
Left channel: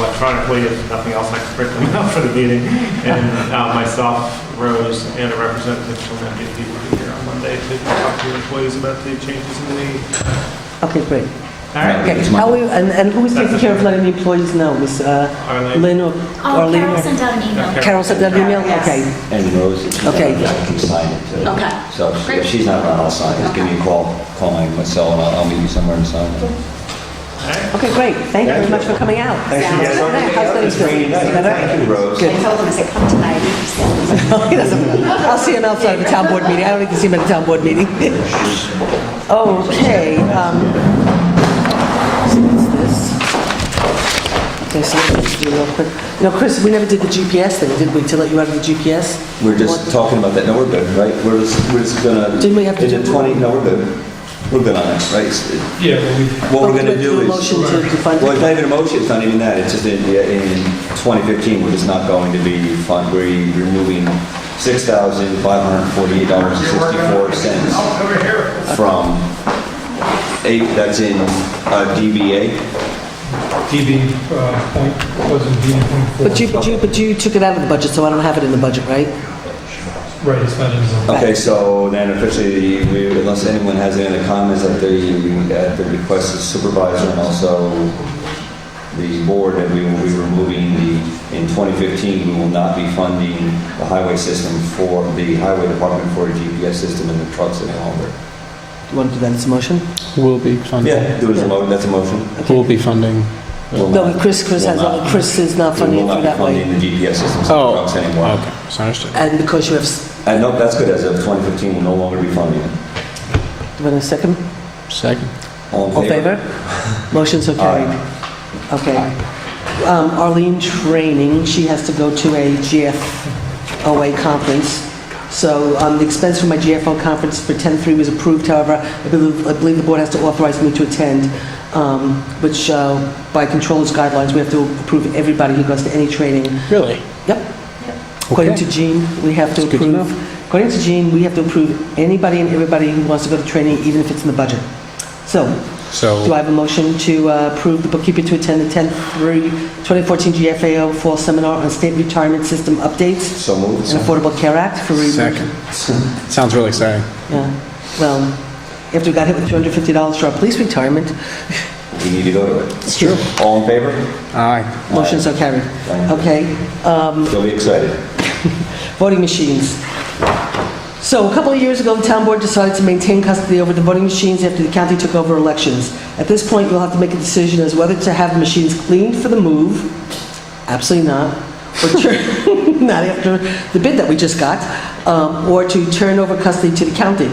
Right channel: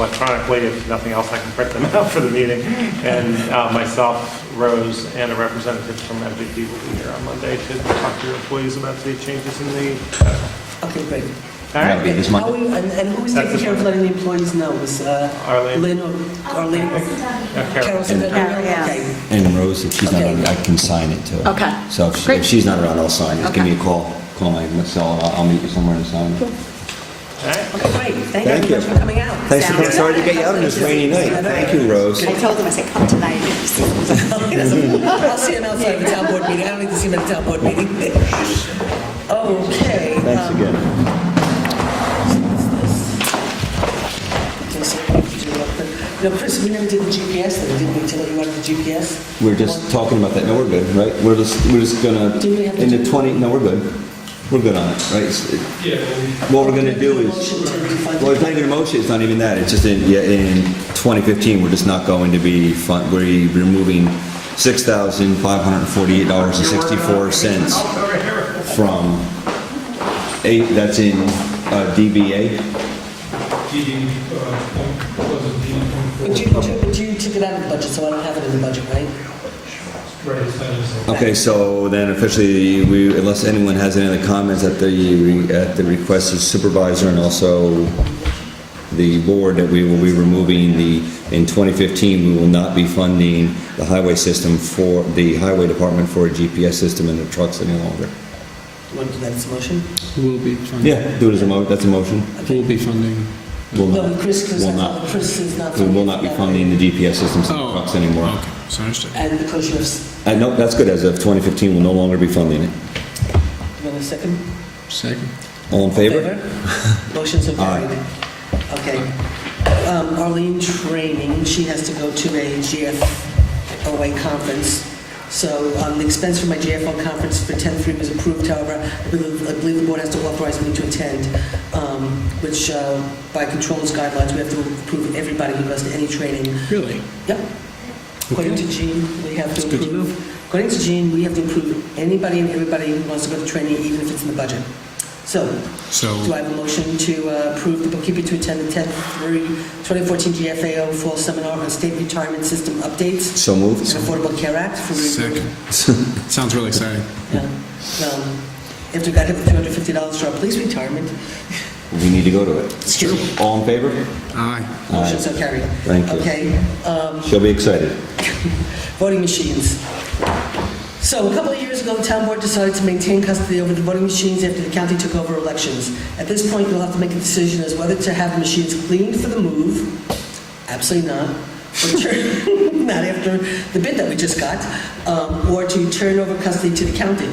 electronically. If nothing else, I can print them out for the meeting. And myself, Rose, and a representative from MVP will be here on Monday to talk to employees about the changes in the, Okay, great. all right? Okay, how we, and who's taking care of letting the employees know? Miss Arlene. Lynn or Oh, Arlene? Carol sent out an email. Carol sent out an email? Yes. Okay. And Rose, if she's not Okay. around, I can sign it too. Okay. So if Great. she's not around, I'll sign it. Just give me a call my cell, and I'll meet you somewhere and sign it. Okay, great. Thank you very much for coming out. Thanks for Sounds sorry to get you up this rainy night. Thank you, Rose. I told them, I said, come tonight. He doesn't- I'll see him outside the town board meeting. I don't need to see him at the town board meeting. Okay. You know, Chris, we never did the GPS thing, did we, to let you out of the GPS? We're just talking about that. No, we're good, right? We're just gonna. Didn't we have to in the do- 20? No, we're good. We're good on that, right? Yeah, well, we, What we're gonna do a is. motion to defund Well, it? it's not even a motion, it's not even that, it's just in 2015, we're just not going to be, we're removing $6,548.64 from, that's in DBA. DB point, wasn't DB.4. But you took it out of the budget, so I don't have it in the budget, right? Right, it's not in the... Okay, so then officially, unless anyone has any other comments at the request of supervisor and also the board, that we will be removing in 2015, we will not be funding the highway system for, the highway department for a GPS system in the trucks any longer. You want to do that as a motion? Will be funding. Yeah, do it as a that's a motion. Will be funding. Will No, not- but Chris will has, not- Chris is not We funding will it not be that way. funding the GPS systems in the Oh, trucks anymore. okay, so understood. And because you have, No, that's good, as of 2015, we'll no longer be funding it. do you want a second? Second. All in All in favor? favor? Motion's so carried. Okay. Arlene Training, she has to go to a GFOA conference. So the expense for my GFO conference for 10-3 was approved, however, I believe the board has to authorize me to attend, which by controls guidelines, we have to approve everybody who goes to any training. Really? Yep. According Okay. to Jean, we have to That's good to approve. know. According to Jean, we have to approve anybody and everybody who wants to go to training, even if it's in the budget. So, So- do I have a motion to approve the bookkeeper to attend the 10/3/2014 GFAO Fall Seminar on State Retirement System Updates So moved. and Affordable Care Act for review? Second. Sounds really exciting. Yeah. Well, after we got hit with $250 for our police retirement, We need to go to it. It's true. All in favor? Aye. motion so carried. Thank you. Okay. She'll be excited. Voting machines. So a couple of years ago, the town board decided to maintain custody over the voting machines after the county took over elections. At this point, you'll have to make a decision as whether to have the machines cleaned for the move, absolutely not, or not after the bid that we just got, or to turn over custody to the county.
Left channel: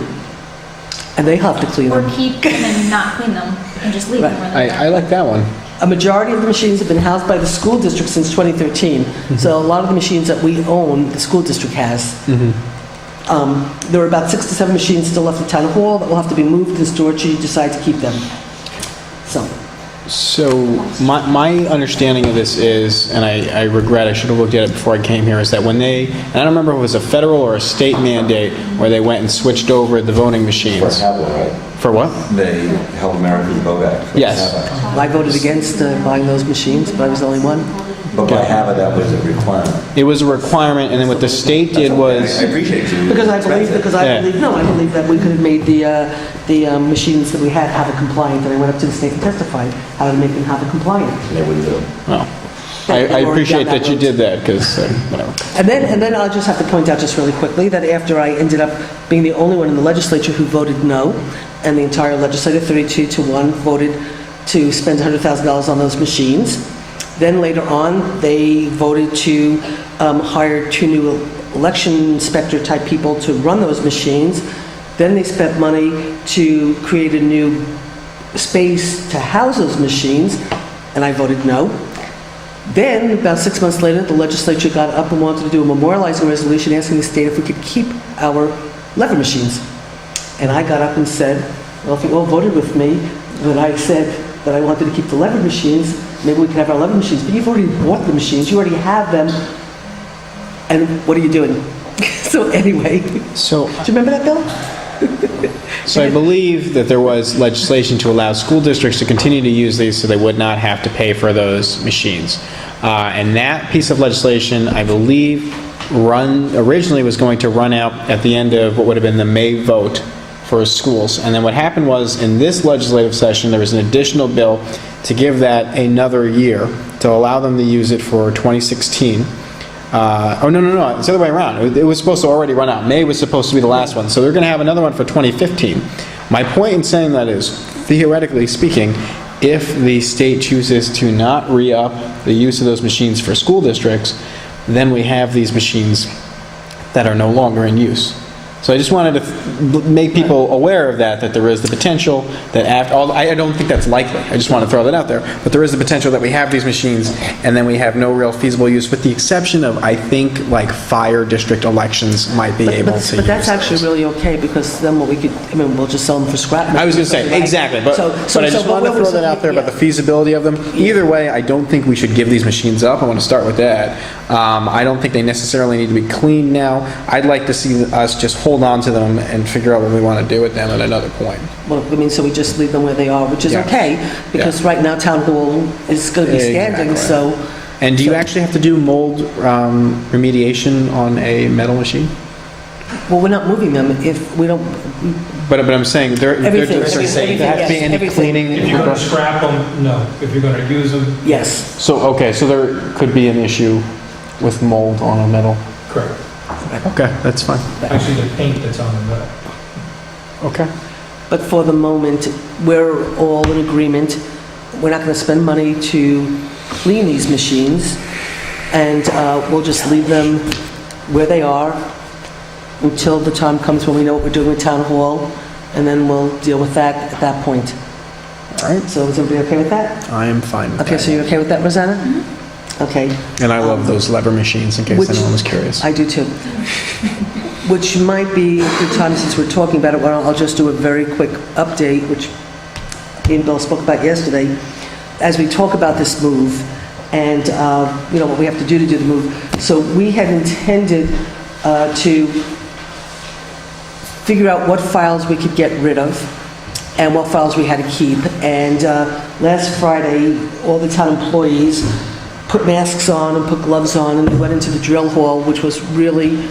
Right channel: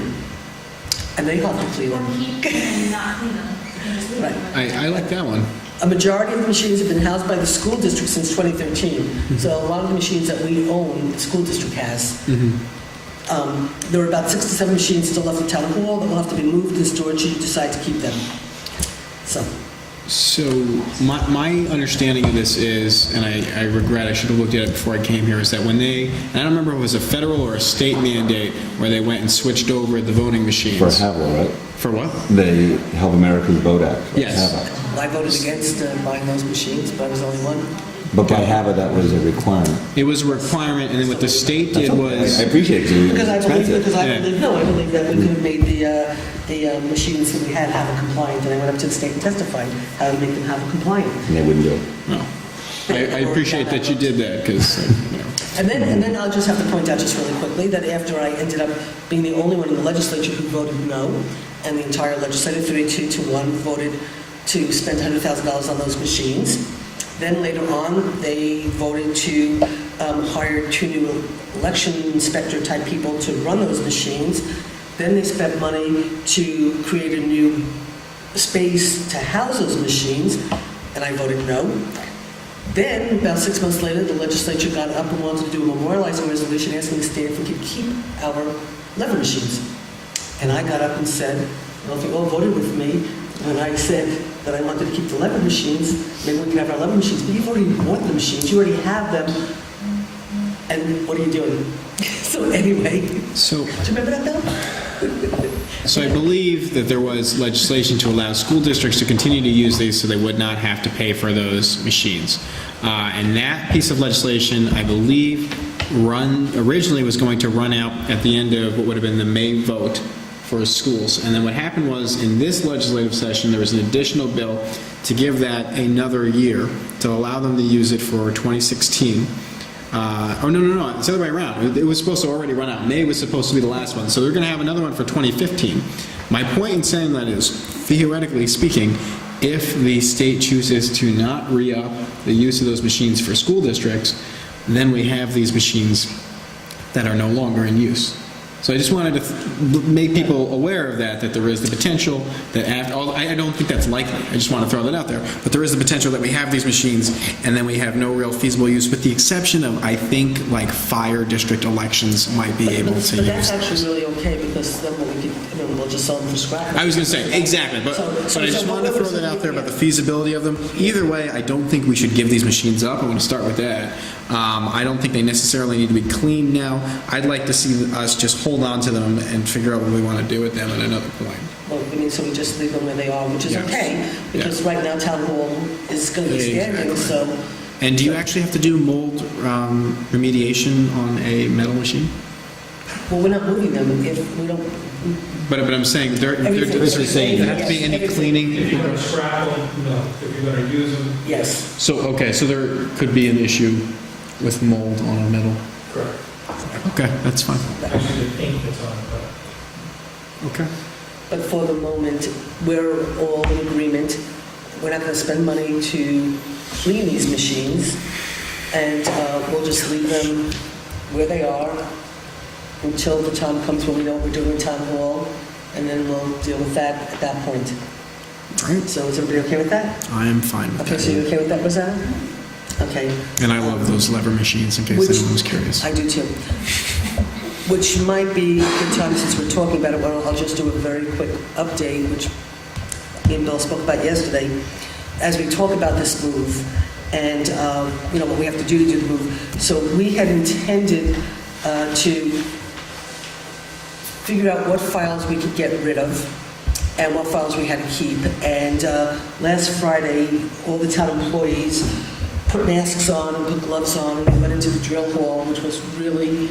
And they have to clean Or them. keep them and not clean them and just leave them Right. where they're I like that one. A majority of the machines have been housed by the school district since 2013. So a lot of the machines that we own, the school district has. There are about 6 to 7 machines still left at Town Hall that will have to be moved and stored should you decide to keep them. So my understanding of this is, and I regret I should have looked at it before I came here, is that when they, and I don't remember if it was a federal or a state mandate, where they went and switched over the voting machines. Have one, right? For what? The Help Americans Vote Act. Yes. I voted against buying those machines, but I was the only one. But by habit, that was a requirement. It was a requirement, and then what the state did was, I appreciate you. Because I believe Yeah. I believe that we could have made the machines that we had have a compliant, and I went up to the state and testified how to make them have a compliant. And they wouldn't do it. well, I appreciate that you did that, because, whatever. And then I'll just have to point out just really quickly that after I ended up being the only one in the legislature who voted no, and the entire legislature, 32-1, voted to spend $100,000 on those machines. Then later on, they voted to hire 2 new election inspector type people to run those machines. Then they spent money to create a new space to house those machines, and I voted no. Then, about 6 months later, the legislature got up and wanted to do a memorializing resolution asking the state if we could keep our lever machines. And I got up and said, well, if you all voted with me, when I said that I wanted to keep the lever machines, maybe we can have our lever machines. But you've already bought the machines, you already have them, and what are you doing? So anyway, do So, you remember that, Bill? so I believe that there was legislation to allow school districts to continue to use these so they would not have to pay for those machines. And that piece of legislation, I believe, originally was going to run out at the end of what would have been the May vote for schools. And then what happened was, in this legislative session, there was an additional bill to give that another year, to allow them to use it for 2016. No, it's the other way around. It was supposed to already run out. May was supposed to be the last one, so they're going to have another one for 2015. My point in saying that is, theoretically speaking, if the state chooses to not re-up the use of those machines for school districts, then we have these machines that are no longer in use. So I just wanted to make people aware of that there is the potential that after, I don't think that's likely, I just want to throw that out there, but there is the potential that we have these machines and then we have no real feasible use, with the exception of, I think, like fire district elections might be able to use But that's those. actually really okay, because then we'll just sell them for scrap. I was going to say, exactly, but I just wanted to throw that out there about the feasibility of them. Either way, I don't think we should give these machines up. I want to start with that. I don't think they necessarily need to be cleaned now. I'd like to see us just hold on to them and figure out what we want to do with them at another point. Well, I mean, so we just leave them where they are, which is Yeah. okay, because right now Town Hall is going to be standing, Exactly. so... And do you actually have to do mold remediation on a metal machine? Well, we're not moving them if we don't... But I'm saying, there Everything, has to be any everything. cleaning? If you're going to scrap them, no. If you're going to use them, Yes. So there could be an issue with mold on a metal? correct. Okay, that's fine. Actually, the paint that's on them, Okay. But for the moment, we're all in agreement. We're not going to spend money to clean these machines, and we'll just leave them where they are until the time comes when we know what we're doing with Town Hall, and then we'll deal with that at that point. All right. So is everybody okay with that? I am fine with Okay, so that. you're okay with that, Rosanna? Okay. And I love those lever machines, in case Which- anyone was curious. I do too. Which might be a good time, since we're talking about it, I'll just do a very quick update, which Ian Bell spoke about yesterday. As we talk about this move and, what we have to do the move. So we had intended to figure out what files we could get rid of and what files we had to keep. And last Friday, all the town employees put masks on and put gloves on, and they went into the drill hall, which was really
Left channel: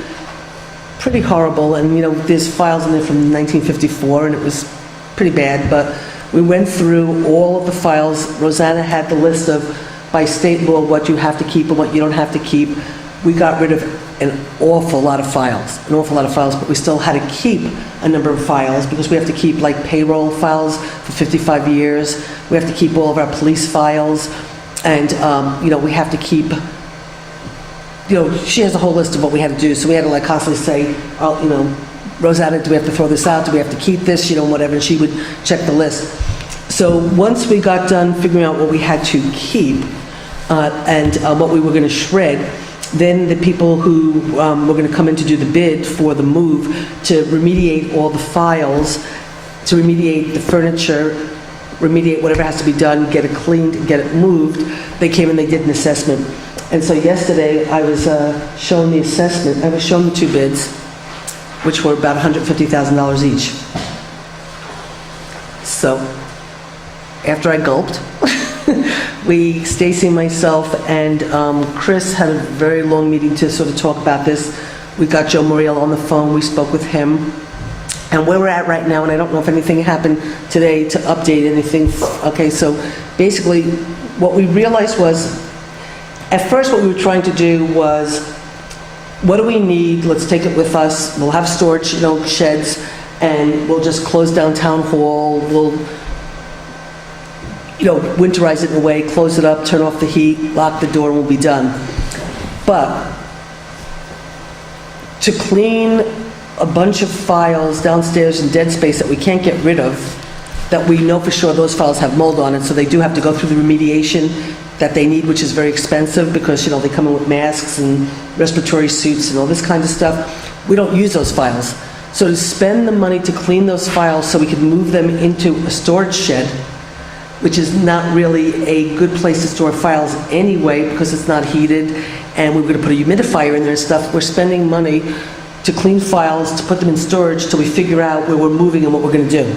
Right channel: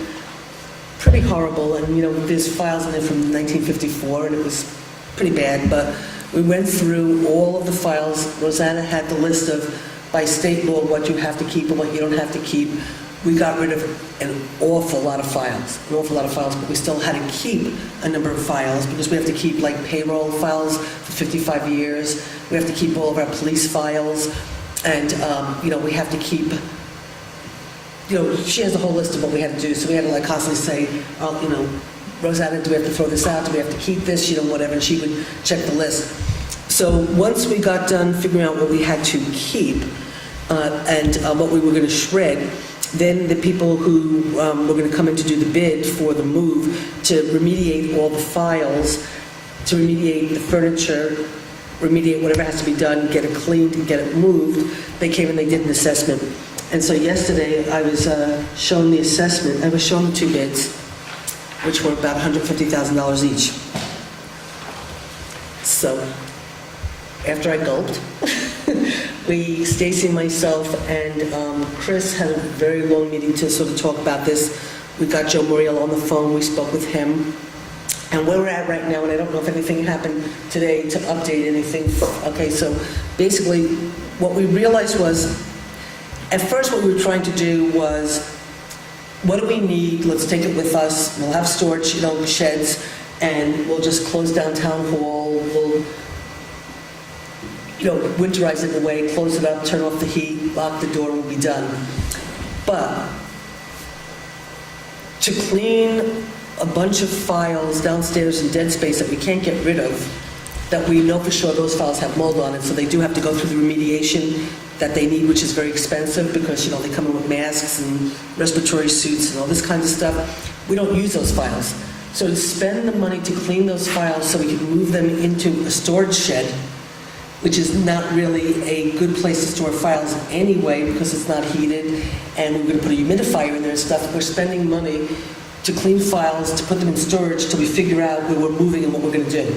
pretty horrible. And, there's files in there from 1954, and it was pretty bad. But we went through all of the files. Rosanna had the list of, by state law, what you have to keep and what you don't have to keep. We got rid of an awful lot of files, but we still had to keep a number of files, because we have to keep, like, payroll files for 55 years. We have to keep all of our police files. And, we have to keep, she has a whole list of what we had to do. So we had to, constantly say, Rosanna, do we have to throw this out? Do we have to keep this? Whatever. And she would check the list. So once we got done figuring out what we had to keep and what we were going to shred, then the people who were going to come in to do the bid for the move to remediate all the files, to remediate the furniture, remediate whatever has to be done, get it cleaned, and get it moved, they came and they did an assessment. And so yesterday, I was shown the assessment. I was shown the 2 bids, which were about $150,000 each. So, after I gulped, Stacy, myself, and Chris had a very long meeting to sort of talk about this. We got Joe Muriel on the phone, we spoke with him. And where we're at right now, and I don't know if anything happened today to update anything. Okay, so basically what we realized was, at first what we were trying to do was, what do we need? Let's take it with us. We'll have storage, sheds, and we'll just close down town hall. We'll winterize it in a way, close it up, turn off the heat, lock the door, and we'll be done. But to clean a bunch of files downstairs in dead space that we can't get rid of, that we know for sure those files have mold on it, so they do have to go through the remediation that they need, which is very expensive because, they come in with masks and respiratory suits and all this kind of stuff. We don't use those files. So to spend the money to clean those files so we can move them into a storage shed, which is not really a good place to store files anyway because it's not heated, and we're going to put a humidifier in there and stuff. We're spending money to clean files, to put them in storage till we figure out where we're moving and what we're going to do.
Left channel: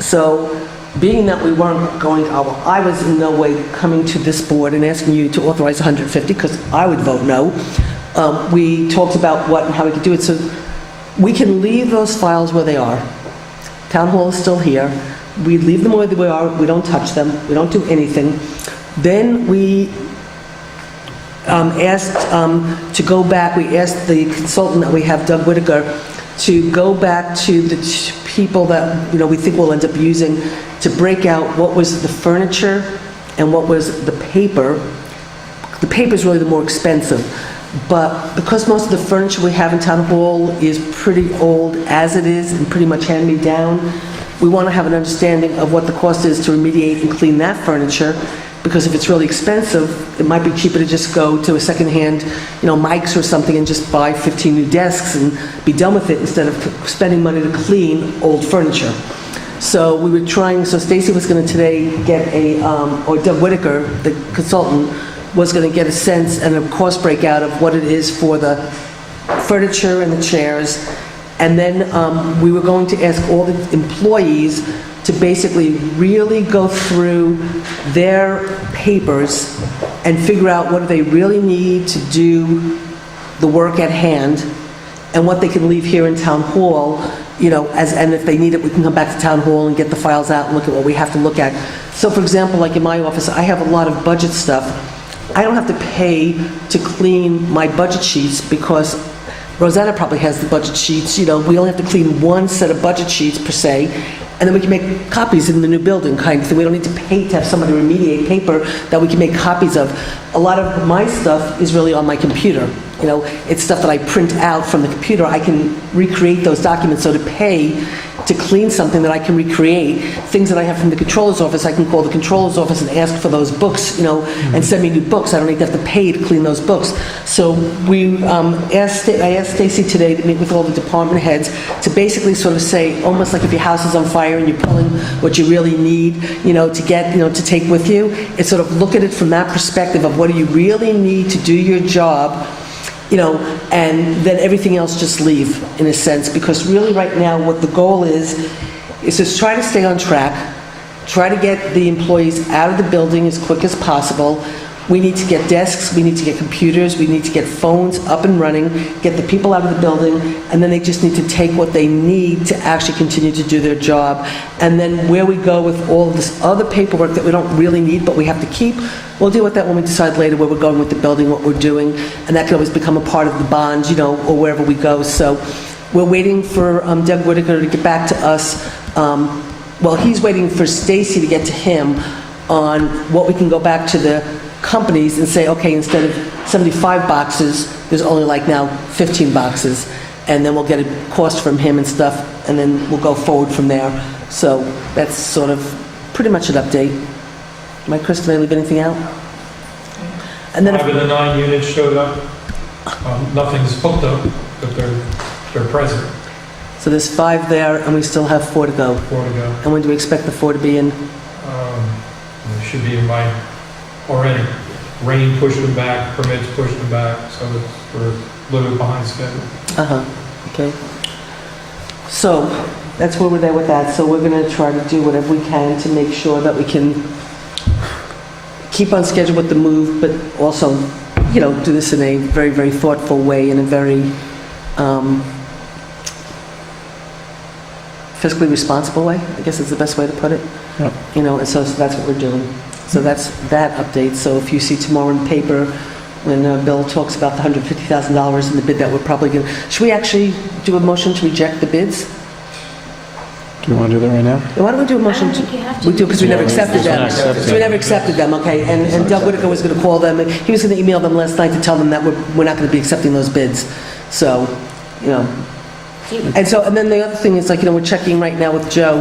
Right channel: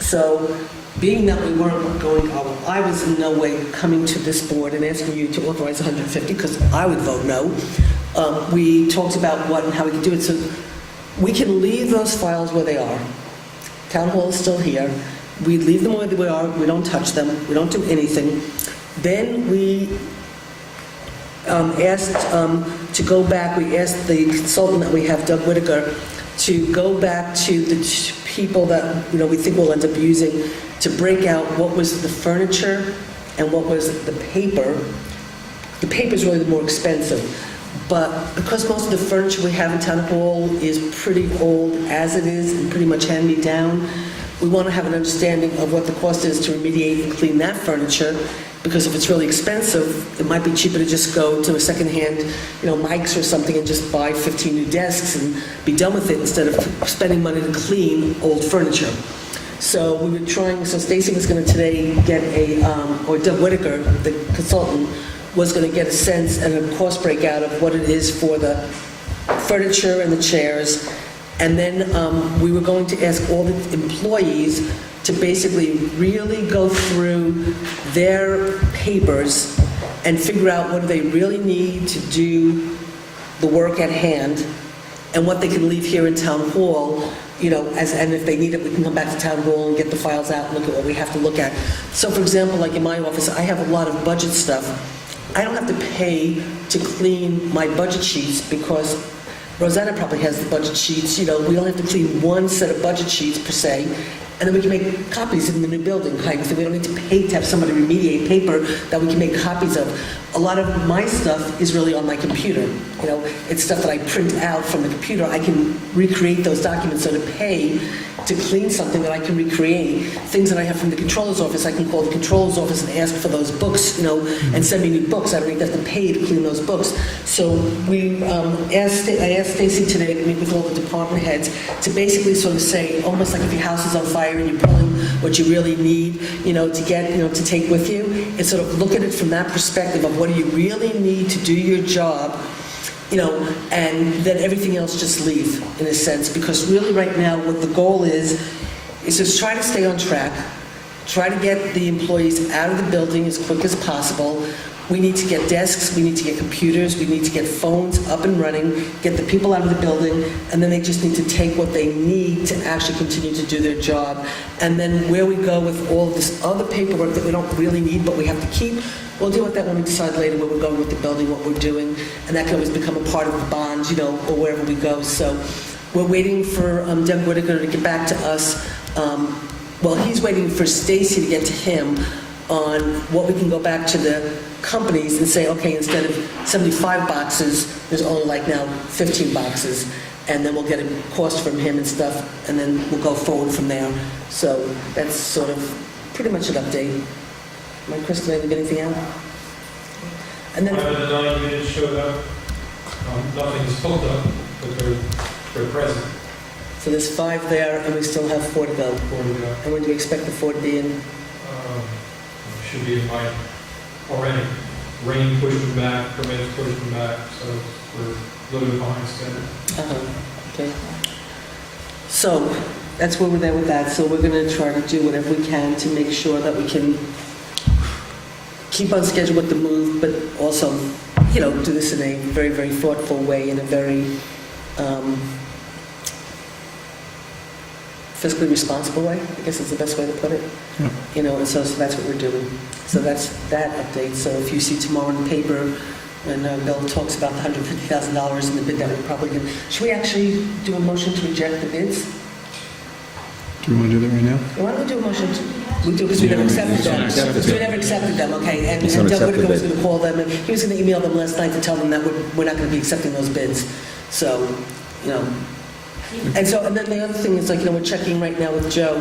So, being that we weren't going, I was in no way coming to this board and asking you to authorize 150 because I would vote no. We talked about what and how we could do it. So we can leave those files where they are. Town hall is still here. We leave them where they are. We don't touch them. We don't do anything. Then we asked to go back. We asked the consultant that we have, Doug Whitaker, to go back to the people that we think we'll end up using to break out what was the furniture and what was the paper. The paper is really the more expensive, but because most of the furniture we have in town hall is pretty old as it is and pretty much hand-me-down, we want to have an understanding of what the cost is to remediate and clean that furniture, because if it's really expensive, it might be cheaper to just go to a secondhand, Mike's or something and just buy 15 new desks and be done with it instead of spending money to clean old furniture. So we were trying, so Stacy was going to today get or Doug Whitaker, the consultant, was going to get a sense and a cost breakout of what it is for the furniture and the chairs. And then we were going to ask all the employees to basically really go through their papers and figure out what they really need to do the work at hand and what they can leave here in town hall, and if they need it, we can come back to town hall and get the files out and look at what we have to look at. So for example, like in my office, I have a lot of budget stuff. I don't have to pay to clean my budget sheets because Rosanna probably has the budget sheets. We only have to clean one set of budget sheets per se, and then we can make copies in the new building kind of thing. We don't need to pay to have somebody remediate paper that we can make copies of. A lot of my stuff is really on my computer. It's stuff that I print out from the computer. I can recreate those documents. So to pay to clean something that I can recreate, things that I have from the controller's office, I can call the controller's office and ask for those books, and send me new books. I don't need to have to pay to clean those books. So I asked Stacy today to meet with all the department heads to basically sort of say, almost like if your house is on fire and you're pulling what you really need, to get, to take with you, it's sort of look at it from that perspective of what do you really need to do your job, and then everything else just leave, in a sense, because really right now what the goal is just try to stay on track, try to get the employees out of the building as quick as possible. We need to get desks, we need to get computers, we need to get phones up and running, get the people out of the building, and then they just need to take what they need to actually continue to do their job. And then where we go with all of this other paperwork that we don't really need but we have to keep, we'll deal with that when we decide later where we're going with the building, what we're doing, and that can always become a part of the bond, or wherever we go. So we're waiting for Doug Whitaker to get back to us. He's waiting for Stacy to get to him on what we can go back to the companies and say, okay, instead of 75 boxes, there's only now 15 boxes. And then we'll get a cost from him and stuff, and then we'll go forward from there. So that's sort of pretty much an update. Mike, Chris, did I leave anything out? And then 5 of the 9 units showed up. Nothing's hooked up, but they're present. So there's 5 there, and we still have 4 to go. 4 to go. And when do we expect the 4 to be in? It should be in by already. Rain pushed them back, permits pushed them back, so we're a little bit behind schedule. Okay. So that's where we're there with that. So we're going to try to do whatever we can to make sure that we can keep on schedule with the move, but also, do this in a very, very thoughtful way, in a very fiscally responsible way, I guess is the best way to put it. Yep. And so that's what we're doing. So that's that update. So if you see tomorrow in the paper, when Bill talks about the $150,000 in the bid that we're probably going to, should we actually do a motion to reject the bids? Do you want to do that right now? Why don't we do a motion? I don't think you have to. We do, because we Yeah, never we- accepted because we're them. not accepting Because we them. never accepted them, okay? And It's not Doug Whitaker accepted. was going to call them, and he was going to email them last night to tell them that we're not going to be accepting those bids. So, and then the other thing is, we're checking right now with Joe,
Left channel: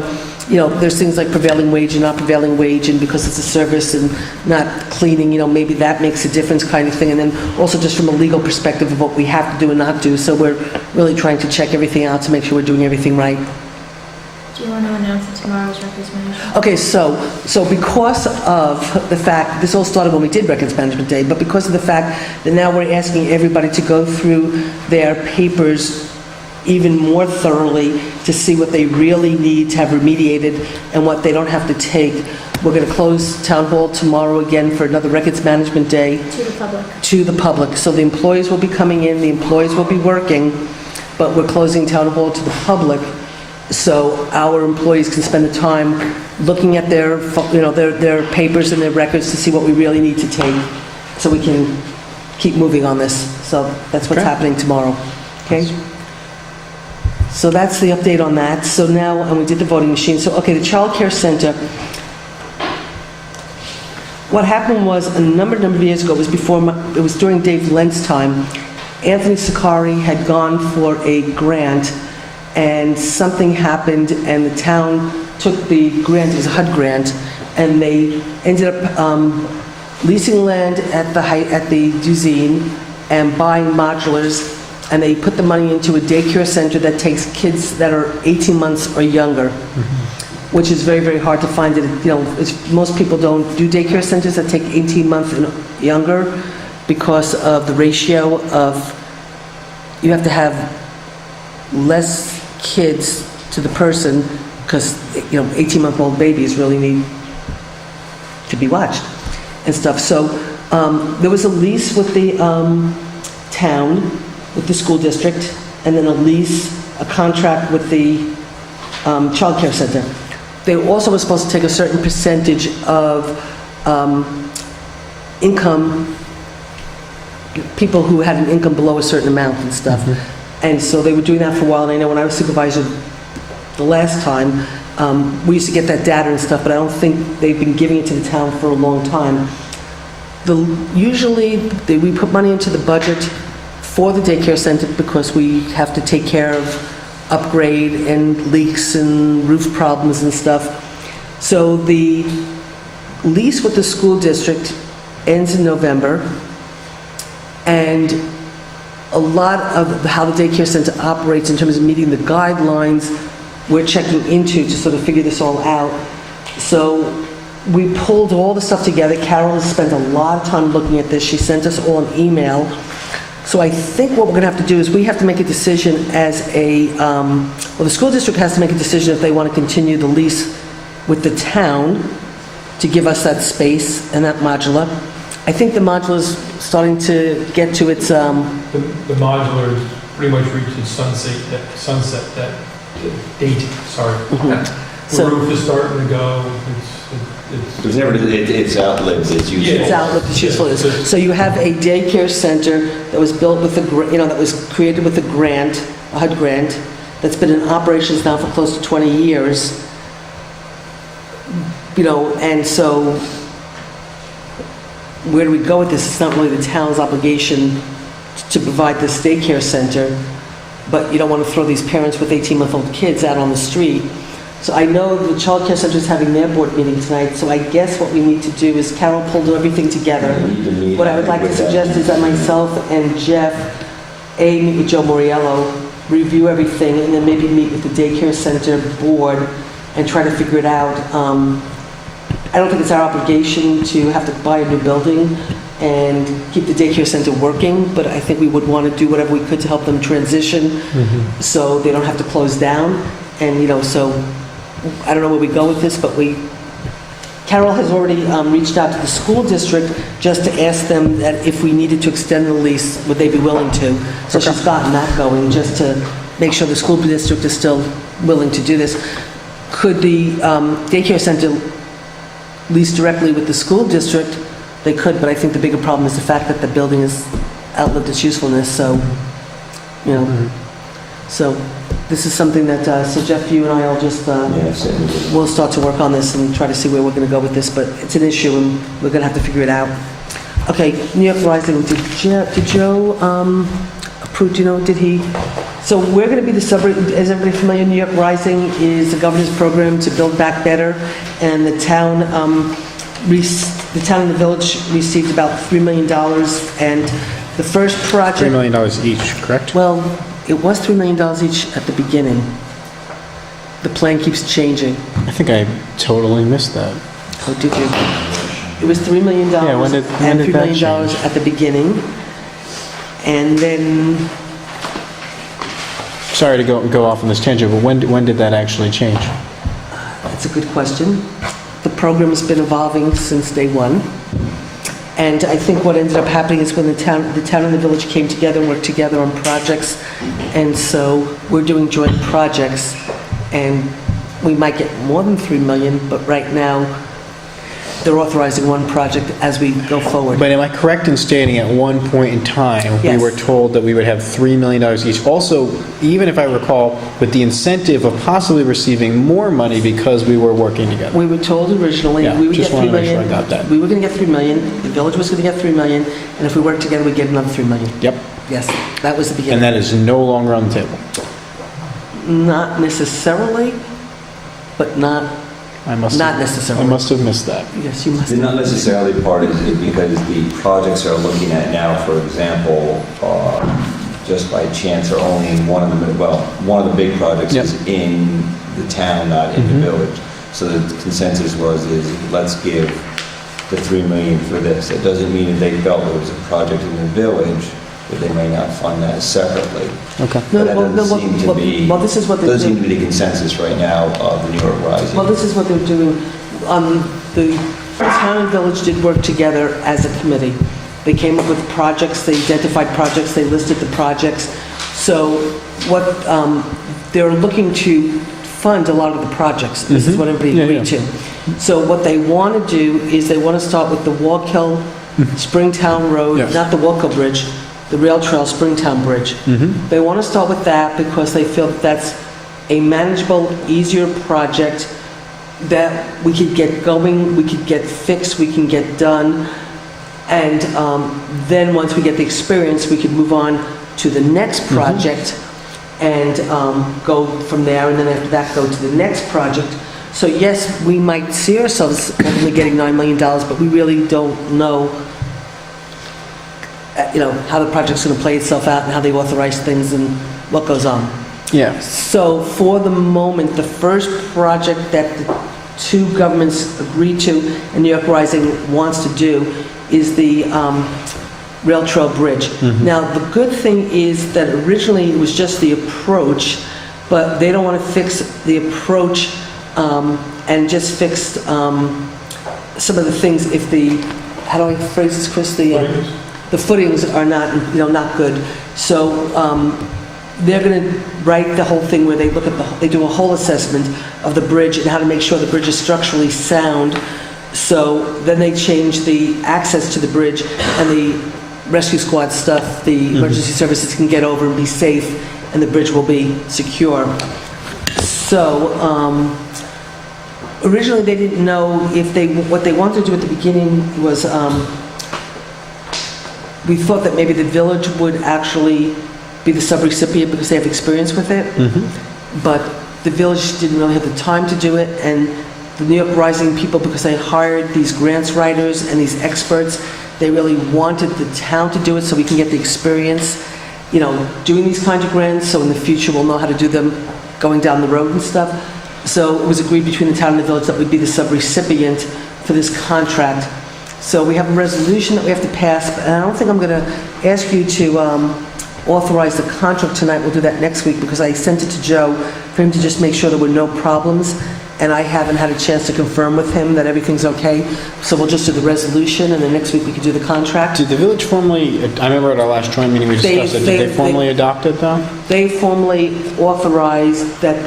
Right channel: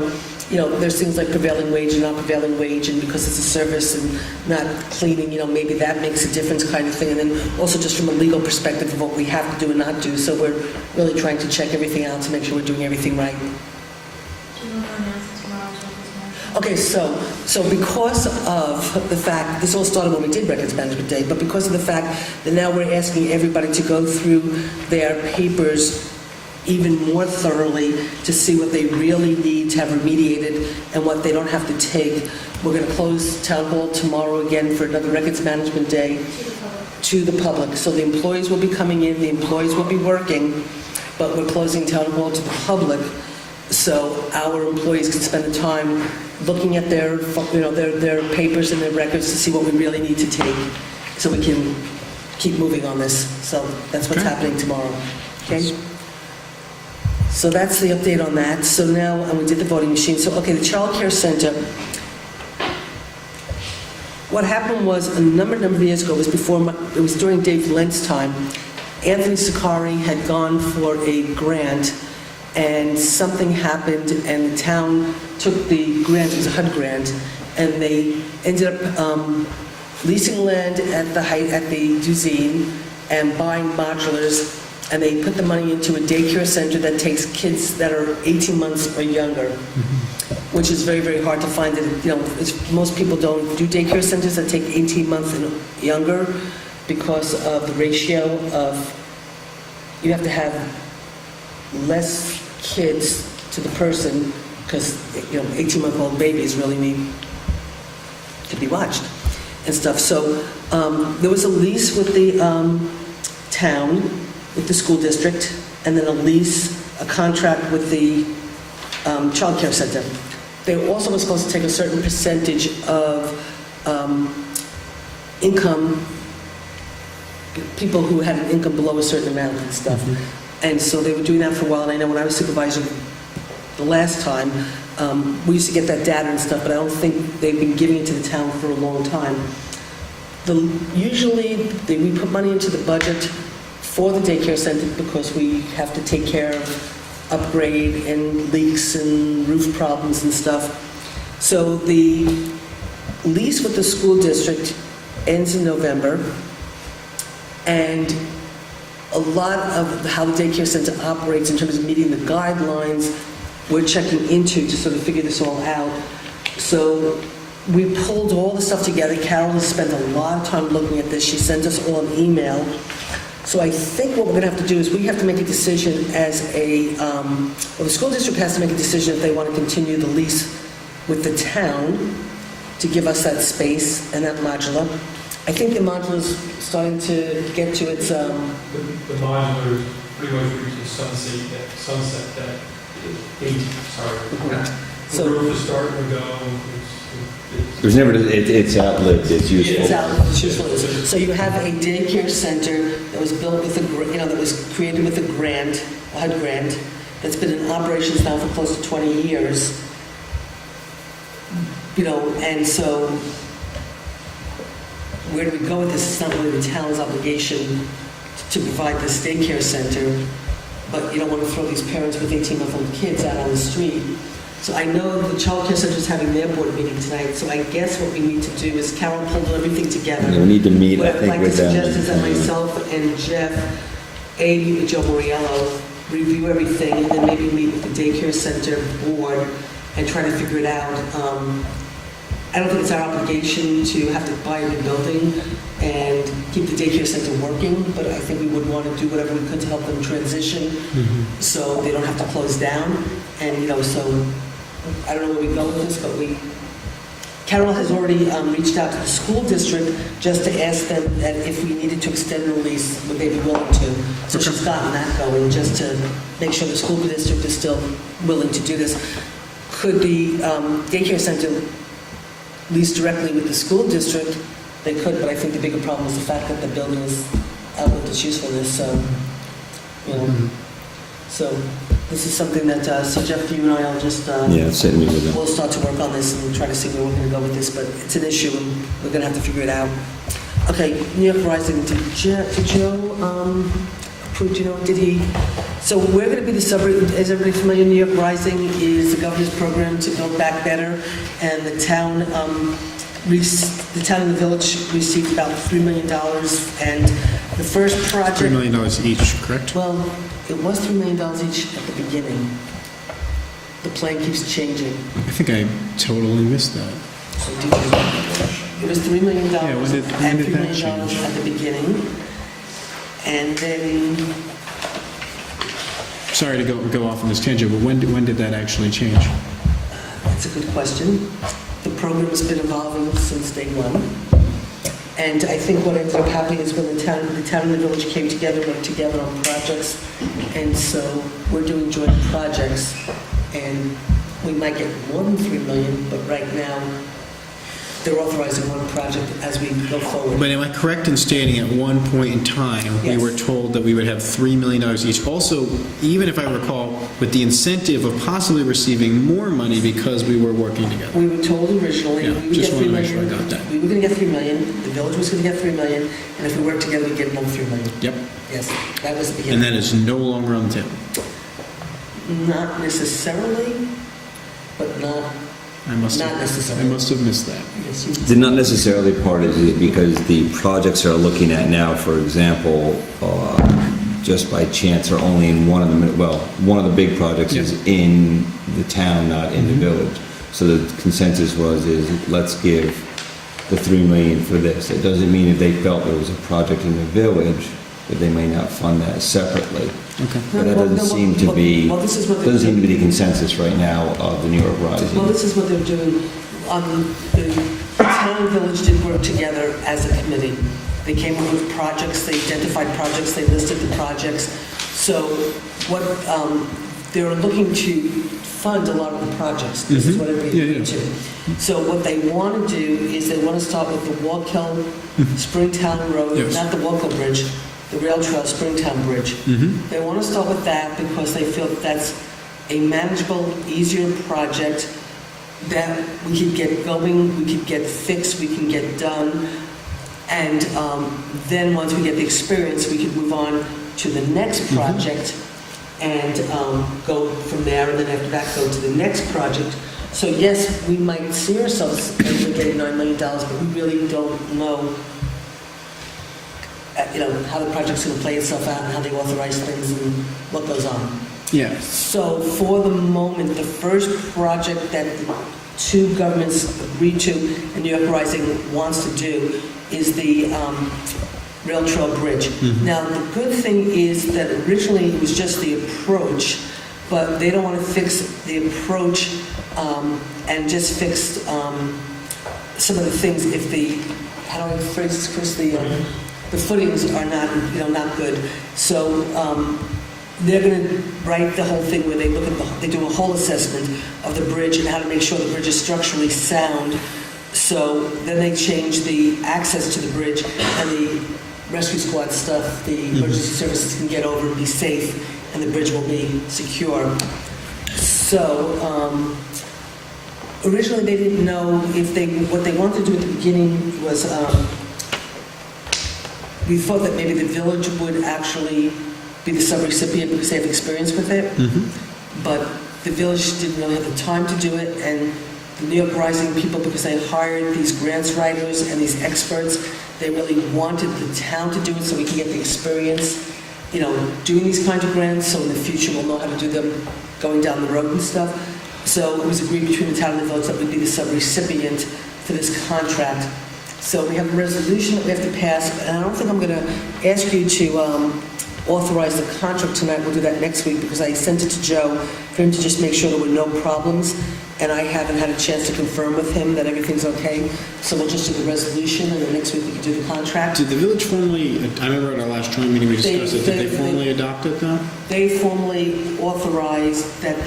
there's things like prevailing wage and not prevailing wage, and because it's a service and not cleaning, maybe that makes a difference kind of thing. And then also just from a legal perspective of what we have to do and not do. So we're really trying to check everything out to make sure we're doing everything right. Do you want to announce that tomorrow's records management? Okay, so because of the fact, this all started when we did Records Management Day, but because of the fact that now we're asking everybody to go through their papers even more thoroughly to see what they really need to have remediated and what they don't have to take, we're going to close Town Hall tomorrow again for another Records Management Day To the public. to the public. So the employees will be coming in, the employees will be working, but we're closing Town Hall to the public. So our employees can spend the time looking at their papers and their records to see what we really need to take, so we can keep moving on this. So that's what's Okay. happening tomorrow. Okay. So that's the update on that. So now, and we did the voting machine. So okay, the child care center. What happened was a number of years ago, it was during Dave Lent's time. Anthony Sakari had gone for a grant, and something happened, and the town took the grant, it was a HUD grant, and they ended up leasing land at the Duzine and buying modulars, and they put the money into a daycare center that takes kids that are 18 months or younger, which is very, very hard to find. Most people don't do daycare centers that take 18 months and younger because of the ratio of, you have to have less kids to the person, because 18-month-old babies really need to be watched and stuff. So there was a lease with the town, with the school district, and then a contract with the child care center. They also were supposed to take a certain percentage of income, people who had an income below a certain amount and stuff. And so they were doing that for a while. And I know when I was supervisor the last time, we used to get that data and stuff, but I don't think they've been giving it to the town for a long time. Usually, we put money into the budget for the daycare center because we have to take care of upgrade and leaks and roof problems and stuff. So the lease with the school district ends in November, and a lot of how the daycare center operates in terms of meeting the guidelines, we're checking into to sort of figure this all out. So we pulled all the stuff together. Carol has spent a lot of time looking at this. She sent us all an email. So I think what we're going to have to do is we have to make a decision as the school district has to make a decision if they want to continue the lease with the town to give us that space and that modular. I think the modular's starting to get to its... The modular pretty much reached its sunset that date, sorry. The So- roof is starting to go, There's never, it's outlived its useful. It's out with the usefulness. So you have a daycare center that was built with that was created with a grant, a HUD grant, that's been in operations now for close to 20 years. And so where do we go with this? It's not really the town's obligation to provide this daycare center, but you don't want to throw these parents with 18-month-old kids out on the street. So I know the child care center is having their board meeting tonight, so I guess what we need to do is Carol pulled everything together. We need to meet, What I I would think, like to with them. suggest is that myself and Jeff, meet with Joe Moriello, review everything, and then maybe meet with the daycare center board and try to figure it out. I don't think it's our obligation to have to buy a new building and keep the daycare center working, but I think we would want to do whatever we could to help them transition so they don't have to close down. And, so I don't know where we go with this, but we Carol has already reached out to the school district just to ask them that if we needed to extend the lease, would they be willing to? So Okay. she's gotten that going, just to make sure the school district is still willing to do this. Could the daycare center lease directly with the school district? They could, but I think the bigger problem is the fact that the building has outlived its usefulness, so, you know. So this is something that, so Jeff, you and I will just, Yeah, certainly. we'll start to work on this and try to see where we're going to go with this, but it's an issue and we're going to have to figure it out. Okay, New York Rising, did Joe approve, do you know, did he? So we're going to be the suburb, is everybody familiar, New York Rising is the governor's program to build back better, and the town and the village received about $3 million, and the first project... $3 million each, correct? Well, it was $3 million each at the beginning. The plan keeps changing. I think I totally missed that. Oh, did you? It was $3 million Yeah, when did and $3 that million change? at the beginning. And then, Sorry to go off on this tangent, but when did that actually change? that's a good question. The program's been evolving since day one. And I think what ended up happening is when the town and the village came together and worked together on projects. And so we're doing joint projects, and we might get more than $3 million, but right now they're authorizing one project as we go forward. But am I correct in stating at one point in time, we Yes. were told that we would have $3 million each? Also, even if I recall, with the incentive of possibly receiving more money because we were working together. We were told originally Yeah, we would just get $3 wanted to make sure million. I got that. We were going to get $3 million. The village was going to get $3 million, and if we worked together, we'd get another $3 million. Yep. Yes, that was the And beginning. that is no longer on the table. Not necessarily, but not Not necessarily. I must have missed that. Yes, you must. They're not necessarily part of it because the projects they're looking at now, for example, just by chance are only in one of the big projects Yep. is in the town, not in the village. So the consensus is let's give the $3 million for this. It doesn't mean if they felt there was a project in the village that they may not fund that separately. Okay. But that doesn't seem to be, well, this is what they're doesn't seem to doing. be the consensus right now of the New York Rising. Well, this is what they're doing. The town and village did work together as a committee. They came up with projects, they identified projects, they listed the projects. So what they're looking to fund a lot of the projects. This is what everybody Yeah, agreed yeah. to. So what they want to do is they want to start with the Wallkill Springtown Road, Yes. not the Wallkill Bridge, the Rail Trail Springtown Bridge. They want to start with that because they feel that that's a manageable, easier project that we could get going, we could get fixed, we can get done. And then once we get the experience, we can move on to the next project and go from there. And then after that, go to the next project. So yes, we might see ourselves only getting $9 million, but we really don't know how the project's going to play itself out and how they authorize things and what goes on. Yeah. So for the moment, the first project that the two governments agreed to and New York Rising wants to do is the Rail Trail Bridge. Now, the good thing is that originally it was just the approach, but they don't want to fix the approach and just fix some of the things if how do I phrase this, Chris? The footings are not good. So they're going to write the whole thing where they do a whole assessment of the bridge and how to make sure the bridge is structurally sound. So then they change the access to the bridge and the rescue squad stuff, the emergency services can get over and be safe and the bridge will be secure. So originally they didn't know what they wanted to do at the beginning was we thought that maybe the village would actually be the subrecipient because they have experience with it. But the village didn't really have the time to do it, and the New York Rising people, because they hired these grants writers and these experts, they really wanted the town to do it so we can get the experience, doing these kinds of grants, so in the future we'll know how to do them going down the road and stuff. So it was agreed between the town and the village that we'd be the subrecipient for this contract. So we have a resolution that we have to pass, and I don't think I'm going to ask you to authorize the contract tonight. We'll do that next week because I sent it to Joe for him to just make sure there were no problems, and I haven't had a chance to confirm with him that everything's okay. So we'll just do the resolution, and then next week we can do the contract. Did the village formally, I remember at our last joint meeting we discussed it, did they formally adopt it though? They formally authorized that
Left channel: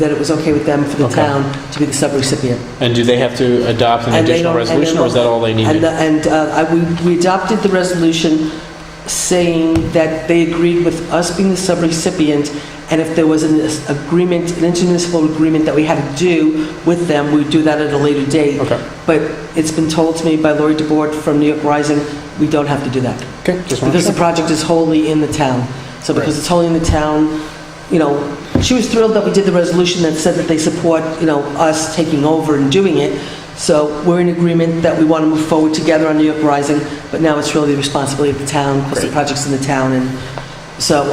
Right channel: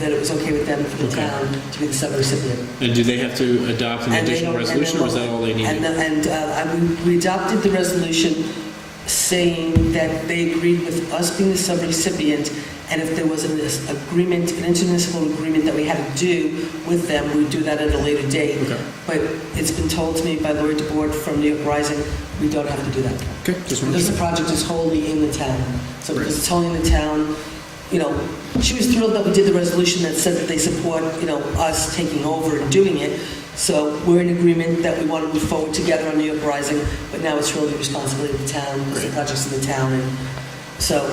that it was okay with them for the Okay. town to be the subrecipient. And do they have to adopt an And they additional don't- resolution, or is that all they needed? We adopted the resolution saying that they agreed with us being the subrecipient, and if there was an agreement, an intermunicipal agreement that we had to do with them, we'd do that at a later date. Okay. But it's been told to me by Lori DeBoard from New York Rising, we don't have to do that. Okay, just want to Because the check. project is wholly in the town. So because it's wholly in the town, you know, she was thrilled that we did the resolution that said that they support, you know, us taking over and doing it. So we're in agreement that we want to move forward together on New York Rising, but now it's really the responsibility of the town because the Great. project's in the town. And so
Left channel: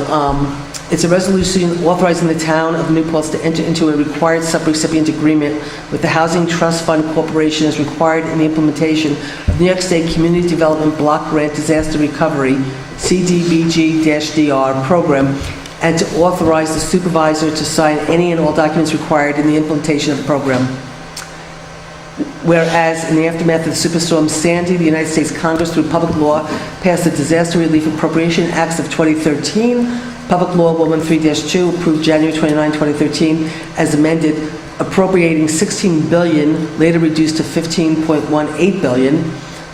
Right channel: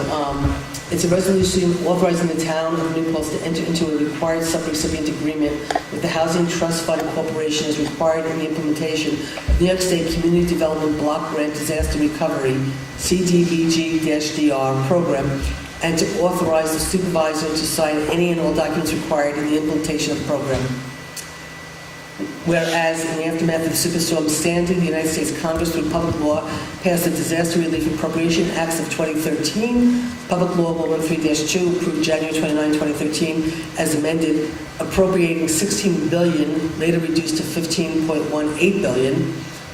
it's a resolution authorizing the town of New Paltz to enter into a required subrecipient agreement with the Housing Trust Fund Corporation as required in the implementation of New York State Community Development Block Grant Disaster Recovery CDBG-DR program, and to authorize the supervisor to sign any and all documents required in the implementation of the program. Whereas in the aftermath of Superstorm Sandy, the United States Congress, through public law, passed the Disaster Relief Appropriation Acts of 2013, Public Law Woman 3-2, approved January 29, 2013, as amended, appropriating $16 billion, later reduced to $15.18 billion,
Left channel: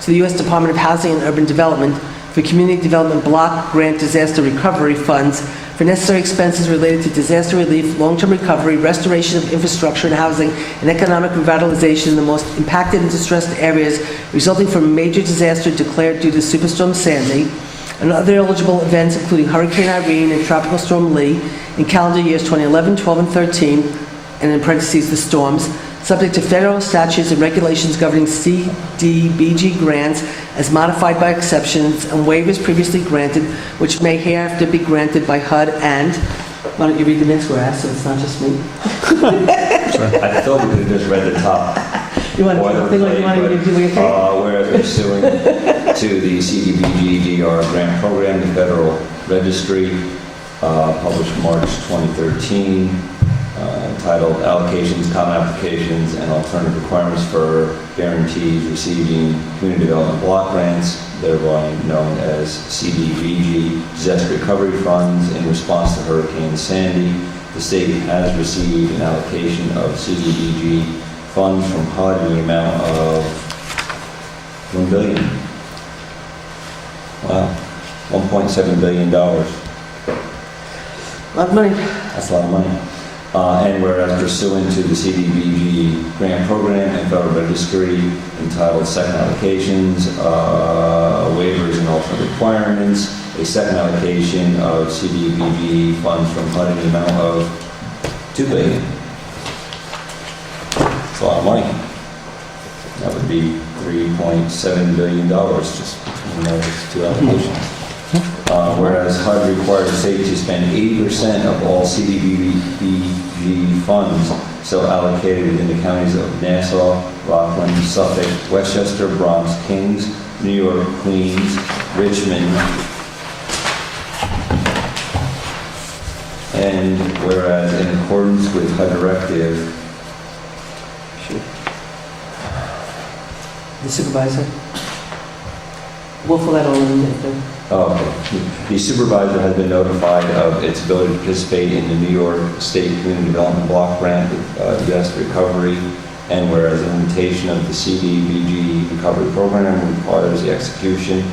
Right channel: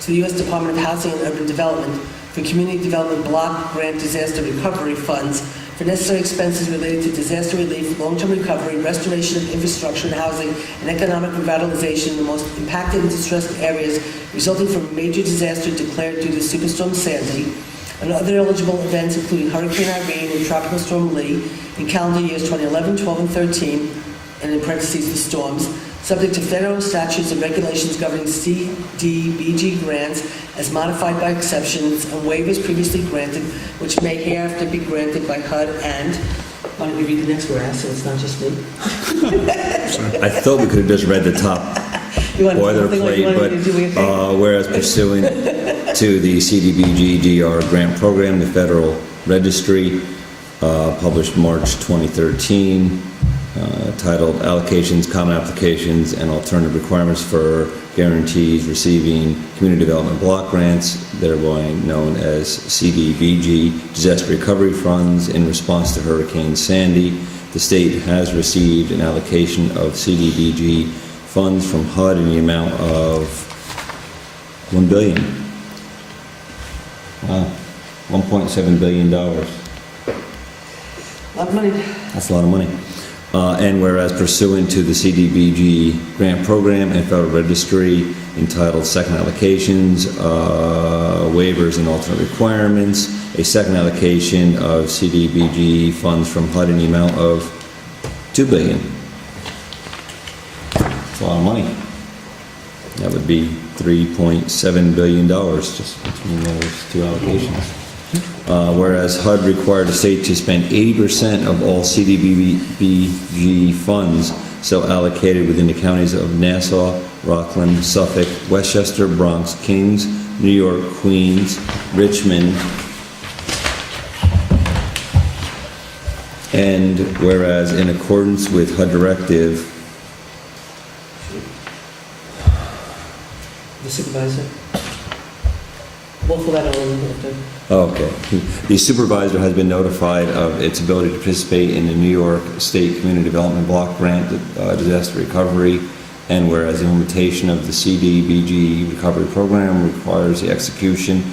to the U.S. Department of Housing and Urban Development for Community Development Block Grant Disaster Recovery Funds for necessary expenses related to disaster relief, long-term recovery, restoration of infrastructure and housing, and economic revitalization in the most impacted and distressed areas resulting from a major disaster declared due to Superstorm Sandy, and other eligible events including Hurricane Irene and Tropical Storm Lee in calendar years 2011, 12, and 13, and in parentheses the storms, subject to federal statutes and regulations governing CDBG grants as modified by exceptions and waivers previously granted, which may hereafter be granted by HUD and, why don't you read the next whereas, so it's not just me? I thought we could have just read the top You want boilerplate, but whereas pursuant to the CDBG-DR grant program, the Federal Registry, published March 2013, titled Allocations, Common Applications, and Alternative Requirements for Guarantees Receiving Community Development Block Grants, thereby known as CDBG, Disaster Recovery Funds, in response to Hurricane Sandy. The state has received an allocation of CDBG funds from HUD in the amount of $1 billion. Wow, $1.7 billion. Lot of money. That's a lot of money. And whereas pursuant to the CDBG grant program and Federal Registry entitled Second Allocations, Waivers and Alternate Requirements, a second allocation of CDBG funds from HUD in the amount of $2 billion. That's a lot of money. That would be $3.7 billion just between those two allocations. Whereas HUD required the state to spend 80% of all CDBG funds so allocated within the counties of Nassau, Rockland, Suffolk, Westchester, Bronx, Kings, New York, Queens, Richmond, and whereas in accordance with HUD Directive The supervisor. We'll fill that all in. Okay. The supervisor has been notified of its ability to participate in the New York State Community Development Block Grant Disaster Recovery, and whereas the implementation of the CDBG recovery program requires the execution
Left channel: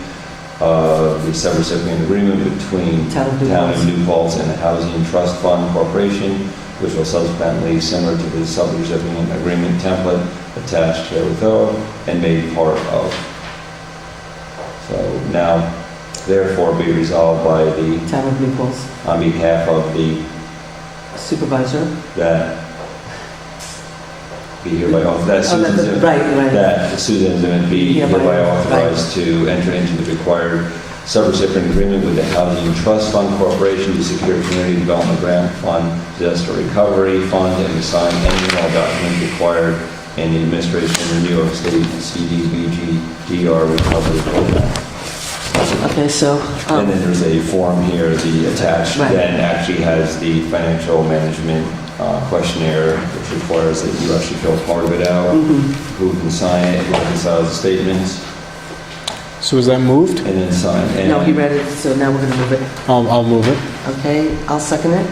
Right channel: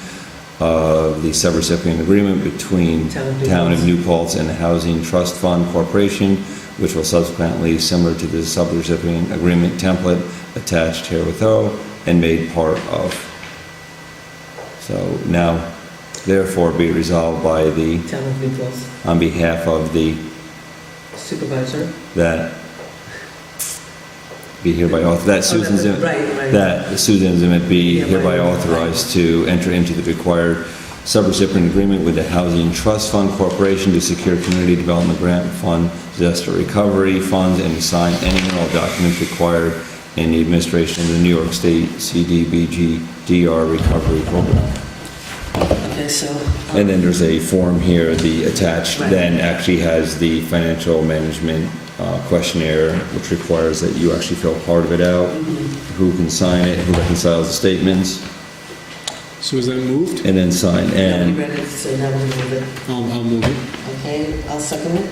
of the subrecipient agreement between Town of New Paltz and the Housing Trust Fund Corporation, which will subsequently, similar to the subrecipient agreement template attached herewith and made part of. So now, therefore, be resolved by the, Town of New Paltz. on behalf of the, Supervisor. that be hereby authorized, that Susan Zimmet, Right. that Susan Zimmet be hereby authorized to enter into the required subrecipient agreement with the Housing Trust Fund Corporation to secure Community Development Grant Fund, Disaster Recovery Funds, and to sign any and all documents required in the administration of the New York State CDBG-DR Recovery Program. Okay, so, And then there's a form here, the attached, Right. then actually has the financial management questionnaire, which requires that you actually fill part of it out, who can sign it, who reconciles the statements, So is that moved? and then sign. no, he And read it, so now we're going to move it. I'll move it. Okay, I'll second it.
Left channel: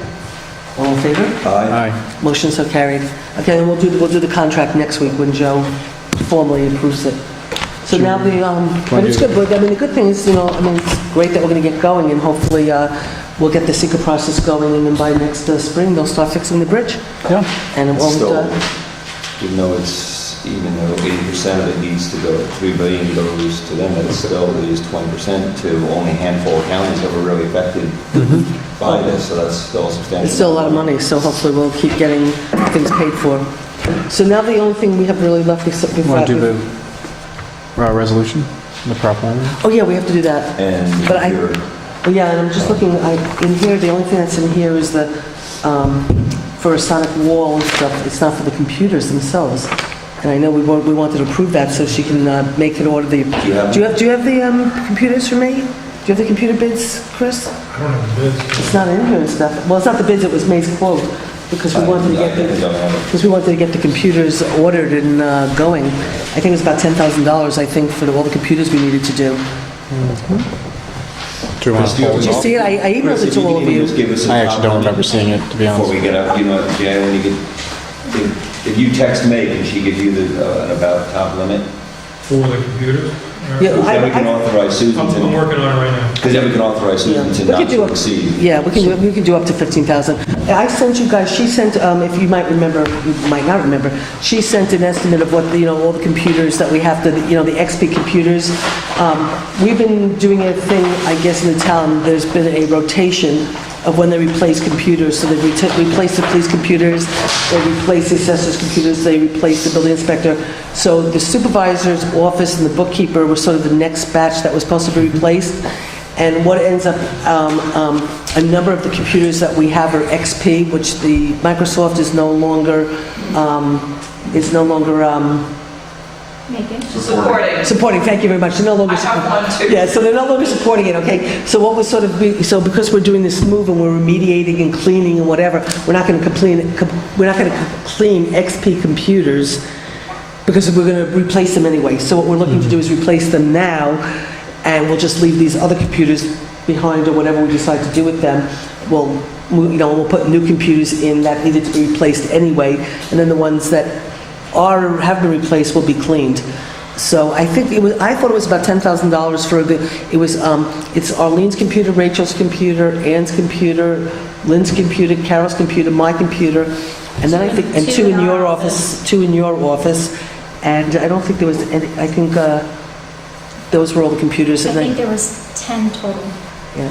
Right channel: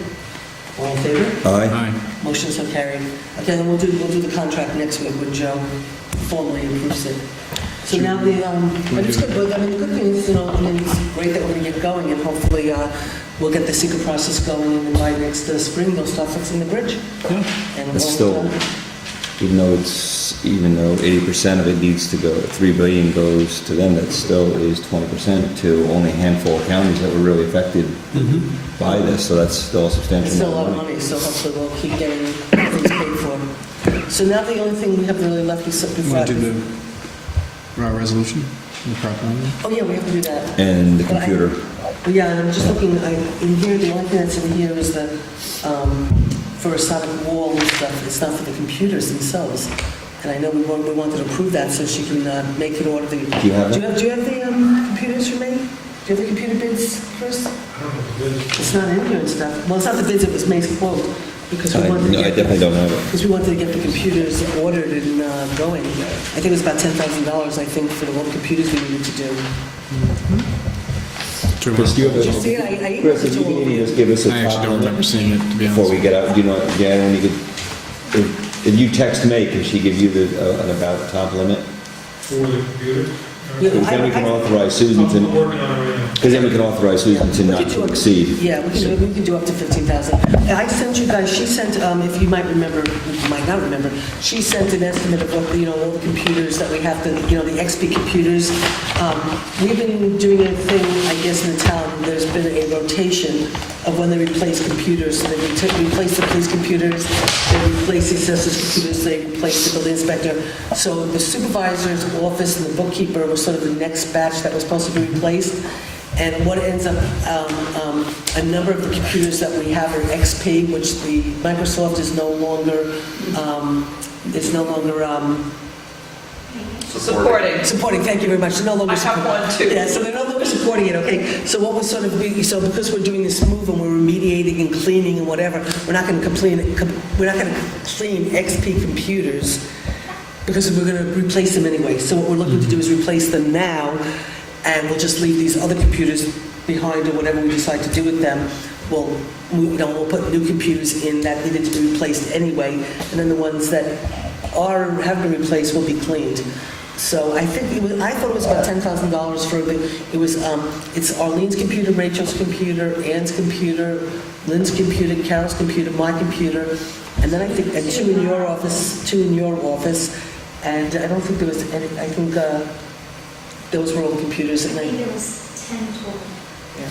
All in favor? Aye. Aye. Motion so carried. Okay, then we'll do the contract next week when Joe formally approves it. So now but it's good, but I mean, the good thing is, I mean, it's great that we're going to get going, and hopefully we'll get the secret process going, and then by next spring, they'll start fixing the bridge. Yeah. And it It's won't, still, even though 80% of it needs to go, 3 billion goes to them, that still is 20% to only a handful of counties that were really affected by this, so that's still substantial. it's still a lot of money, so hopefully we'll keep getting things paid for. So now the only thing we have really left is... Want to do the resolution, the prop one? Oh, yeah, we have to do that. And the But I- computer. Yeah, and I'm just looking, in here, the only thing that's in here is the, for a sonic wall and stuff, it's not for the computers themselves. And I know we wanted to approve that so she can make an order the... Do you have- Do you have the computers for me? Do you have the computer bids, Chris? I don't know what it is. It's not in here and stuff. Well, it's not the bids, it was May's quote, because we wanted to I get... definitely don't have it. Because we wanted to get the computers ordered and going. I think it was about $10,000, I think, for all the computers we needed to do. Do you want Chris, to do you hold Did it you off? see it? I Chris, emailed it if to you all of can you. just give us a I actually don't remember seeing it, to be before honest. we get out, when you get, if you text May, can she give you an about top limit? For the computer? Yeah, Then we can authorize Susan I'm to, working on it right now. because then we can authorize Susan to We not could do to up- exceed. Yeah, we can do up to 15,000. I sent you guys, she sent, if you might remember, you might not remember, she sent an estimate of what, all the computers that we have to, the XP computers. We've been doing a thing, I guess, in the town, there's been a rotation of when they replace computers. So they replace the police computers, they replace the assessor's computers, they replace the building inspector. So the supervisor's office and the bookkeeper was sort of the next batch that was supposed to be replaced. And what ends up, a number of the computers that we have are XP, which the Microsoft is no longer, Megan? supporting, thank you very much. They're no longer I have one too. Yeah, so they're no longer supporting it, okay? So what was sort of, so because we're doing this move and we're remediating and cleaning and whatever, we're not going to clean XP computers because we're going to replace them anyway. So what we're looking to do is replace them now, and we'll just leave these other computers behind or whatever we decide to do with them. We'll put new computers in that needed to be replaced anyway, and then the ones that have been replaced will be cleaned. So I think I thought it was about $10,000 for a good. It's Arlene's computer, Rachel's computer, Ann's computer, Lynn's computer, Carol's computer, my computer, and then I think two in your office, and I don't think there was any. I think those were all the computers. I And think there was 10 total. yeah.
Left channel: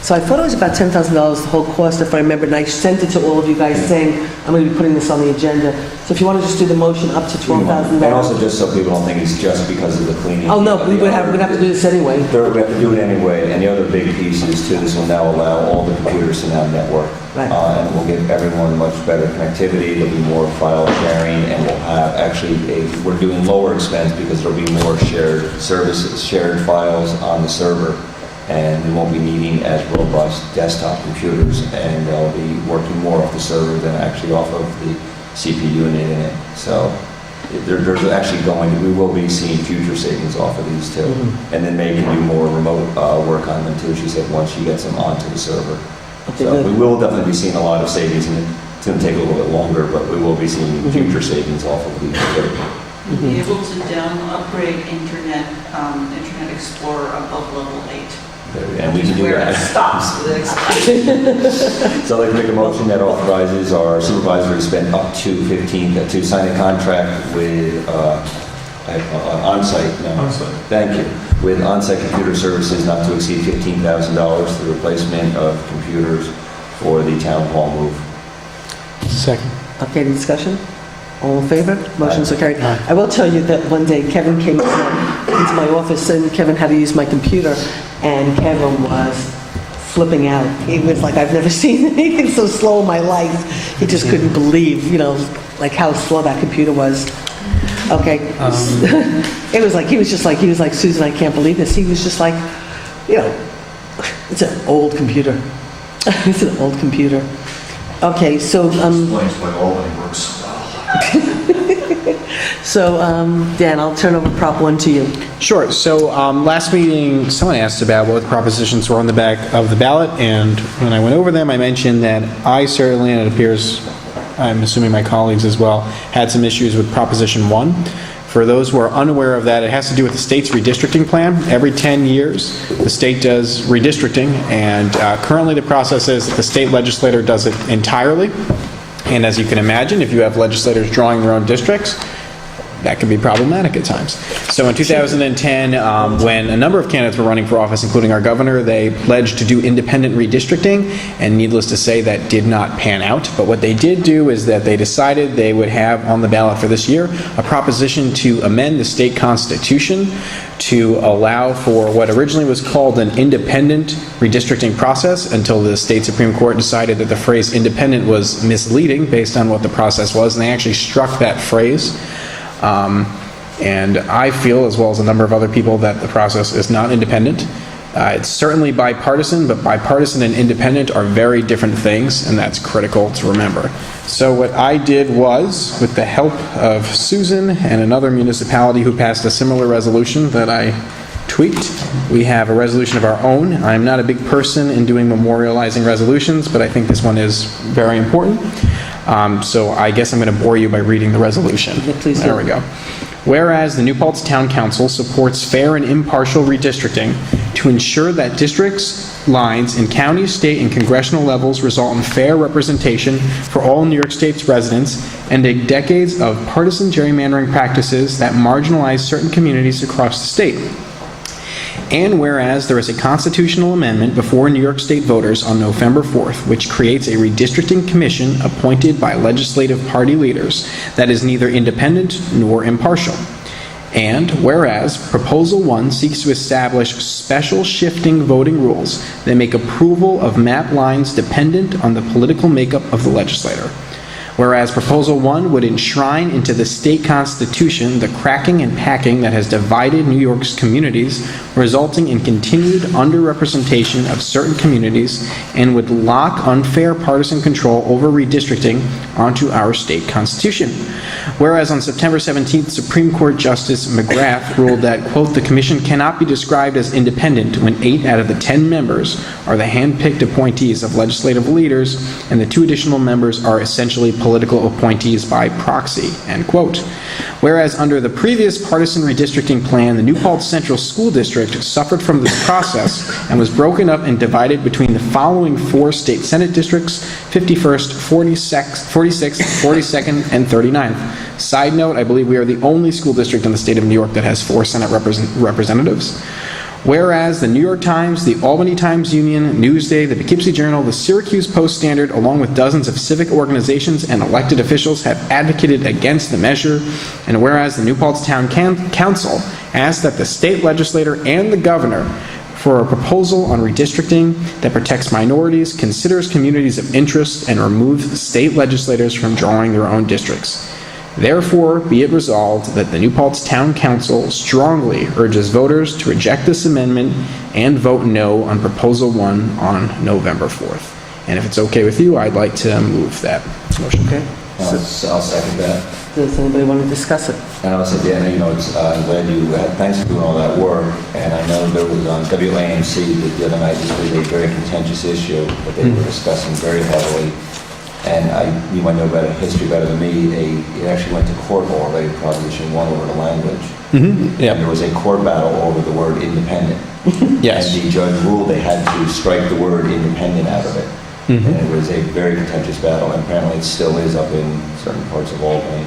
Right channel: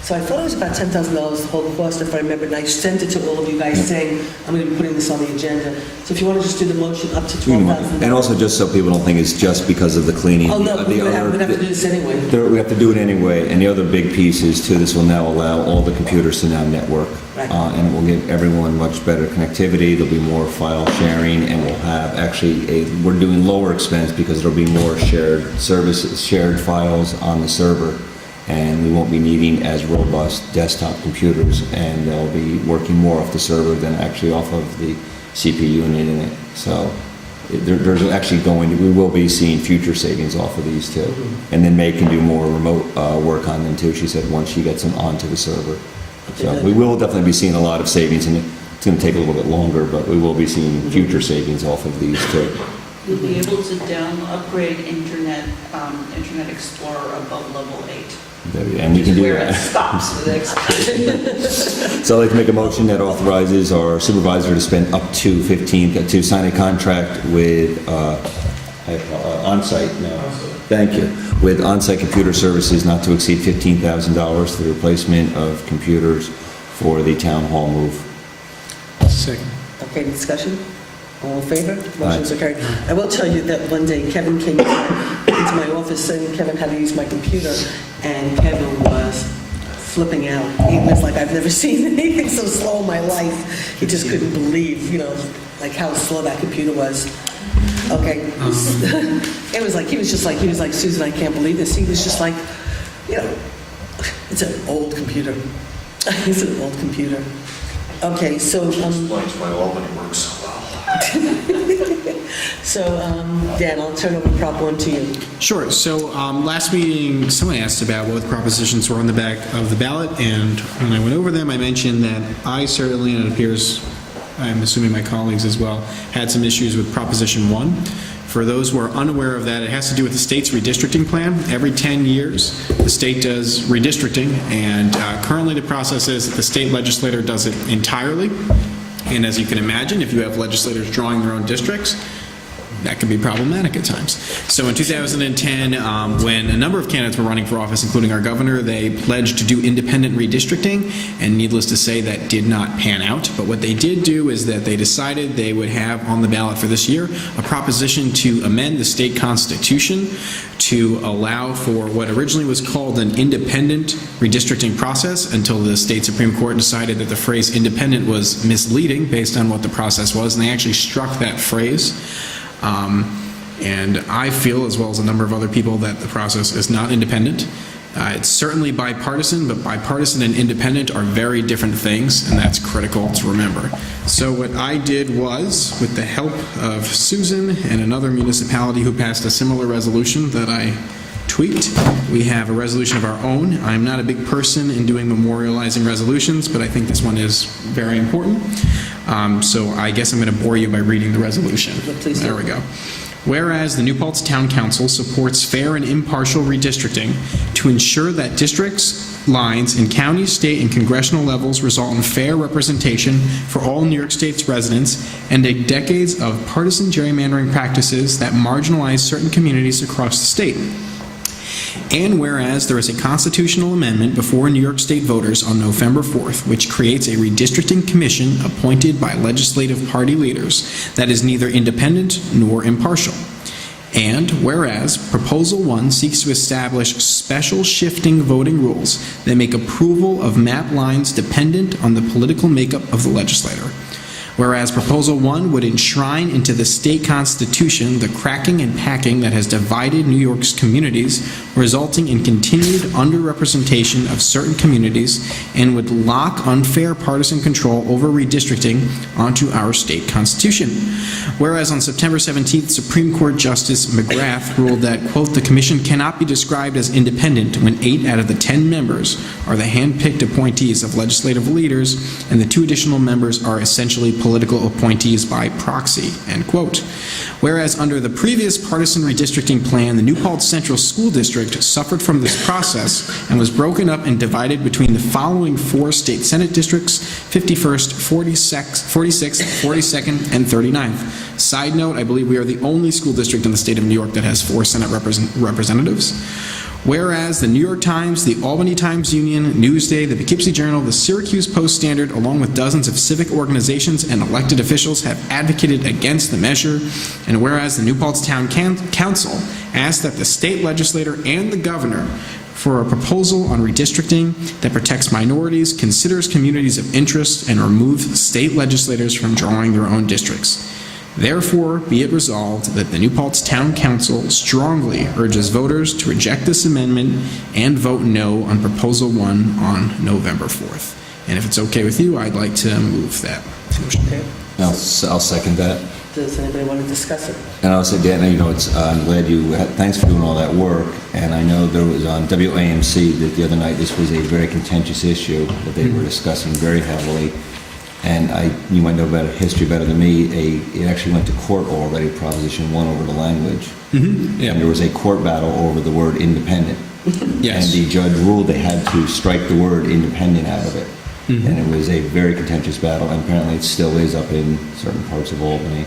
So I thought it was about $10,000 the whole cost, if I remember, and I sent it to all of you guys saying, I'm going to be putting this on the agenda. So if you want to just do the motion up to $12,000. And also, just so people don't think it's just because of the cleaning. Oh, no, of we're the going to have to do this anyway. We have to do it anyway, and the other big piece is too, this will now allow all the computers to now network. Right. And we'll give everyone much better connectivity, there'll be more file sharing, and we'll have, we're doing lower expense because there'll be more shared services, shared files on the server. And we won't be needing as robust desktop computers, and they'll be working more off the server than actually off of the CPU and the internet. So there's actually we will be seeing future savings off of these too. And then May can do more remote work on them too, she said, once she gets them onto the server. Okay, So good. we will definitely be seeing a lot of savings, and it's going to take a little bit longer, but we will be seeing future savings off of these too. You'll be able to upgrade Internet Explorer above level 8. And we can do Where that. it stops with expansion. So I'd like to make a motion that authorizes our supervisor to spend up to sign a contract with on-site. On-site. Thank you. With on-site computer services not to exceed $15,000 for the replacement of computers for the town hall move. Second. Okay, any discussion? All in favor? Motion so carried. I will tell you that one day Kevin came into my office and Kevin had to use my computer, and Kevin was flipping out. He was like, I've never seen anything so slow in my life. He just couldn't believe, like how slow that computer was. Okay. It was like, he was like, Susan, I can't believe this. He was just like, you know, it's an old computer. It's an old computer. Okay, so, Explains why Albany works so well. so, Dan, I'll turn over Prop 1 to you. Sure. So last meeting, someone asked about what propositions were on the back of the ballot, and when I went over them, I mentioned that I certainly, and it appears, I'm assuming my colleagues as well, had some issues with Proposition 1. For those who are unaware of that, it has to do with the state's redistricting plan. Every 10 years, the state does redistricting, and currently the process is that the state legislator does it entirely. And as you can imagine, if you have legislators drawing their own districts, that can be problematic at times. So in 2010, when a number of candidates were running for office, including our governor, they pledged to do independent redistricting, and needless to say, that did not pan out. But what they did do is that they decided they would have on the ballot for this year a proposition to amend the state constitution to allow for what originally was called an independent redistricting process until the state Supreme Court decided that the phrase independent was misleading based on what the process was, and they actually struck that phrase. And I feel, as well as a number of other people, that the process is not independent. It's certainly bipartisan, but bipartisan and independent are very different things, and that's critical to remember. So what I did was, with the help of Susan and another municipality who passed a similar resolution that I tweaked, we have a resolution of our own. I'm not a big person in doing memorializing resolutions, but I think this one is very important. So I guess I'm going to bore you by reading the resolution. Please do. There we go. Whereas the New Paltz Town Council supports fair and impartial redistricting to ensure that districts lines in county, state, and congressional levels result in fair representation for all New York State's residents, and end decades of partisan gerrymandering practices that marginalize certain communities across the state. And whereas there is a constitutional amendment before New York State voters on November 4th, which creates a redistricting commission appointed by legislative party leaders that is neither independent nor impartial. And whereas Proposal 1 seeks to establish special shifting voting rules that make approval of map lines dependent on the political makeup of the legislator. Whereas Proposal 1 would enshrine into the state constitution the cracking and packing that has divided New York's communities, resulting in continued underrepresentation of certain communities, and would lock unfair partisan control over redistricting onto our state constitution. Whereas on September 17th, Supreme Court Justice McGrath ruled that, quote, the commission cannot be described as independent when 8 out of the 10 members are the hand-picked appointees of legislative leaders, and the 2 additional members are essentially political appointees by proxy, end quote. Whereas under the previous partisan redistricting plan, the New Paltz Central School District suffered from this process and was broken up and divided between the following 4 state senate districts: 51st, 46th, 42nd, and 39th. Side note, I believe we are the only school district in the state of New York that has 4 Senate representatives. Whereas the New York Times, the Albany Times-Union, Newsday, the Poughkeepsie Journal, the Syracuse Post-Standard, along with dozens of civic organizations and elected officials have advocated against the measure, and whereas the New Paltz Town Council asked that the state legislator and the governor for a proposal on redistricting that protects minorities, considers communities of interest, and removes state legislators from drawing their own districts. Therefore, be it resolved that the New Paltz Town Council strongly urges voters to reject this amendment and vote no on Proposal 1 on November 4th. And if it's okay with you, I'd like to move that motion. Okay. I'll second that. Does anybody want to discuss it? And I'll say, Dan, I'm glad you, thanks for doing all that work. And I know there was on WAMC the other night, this was a very contentious issue that they were discussing very heavily. And you might know about history better than me, it actually went to court already, Proposition 1 over the language. Mm-hmm. Yep. And there was a court battle over the word independent. Yes. And the judge ruled they had to strike the word independent out of it. Mm-hmm. And it was a very contentious battle, and apparently it still is up in certain parts of Albany.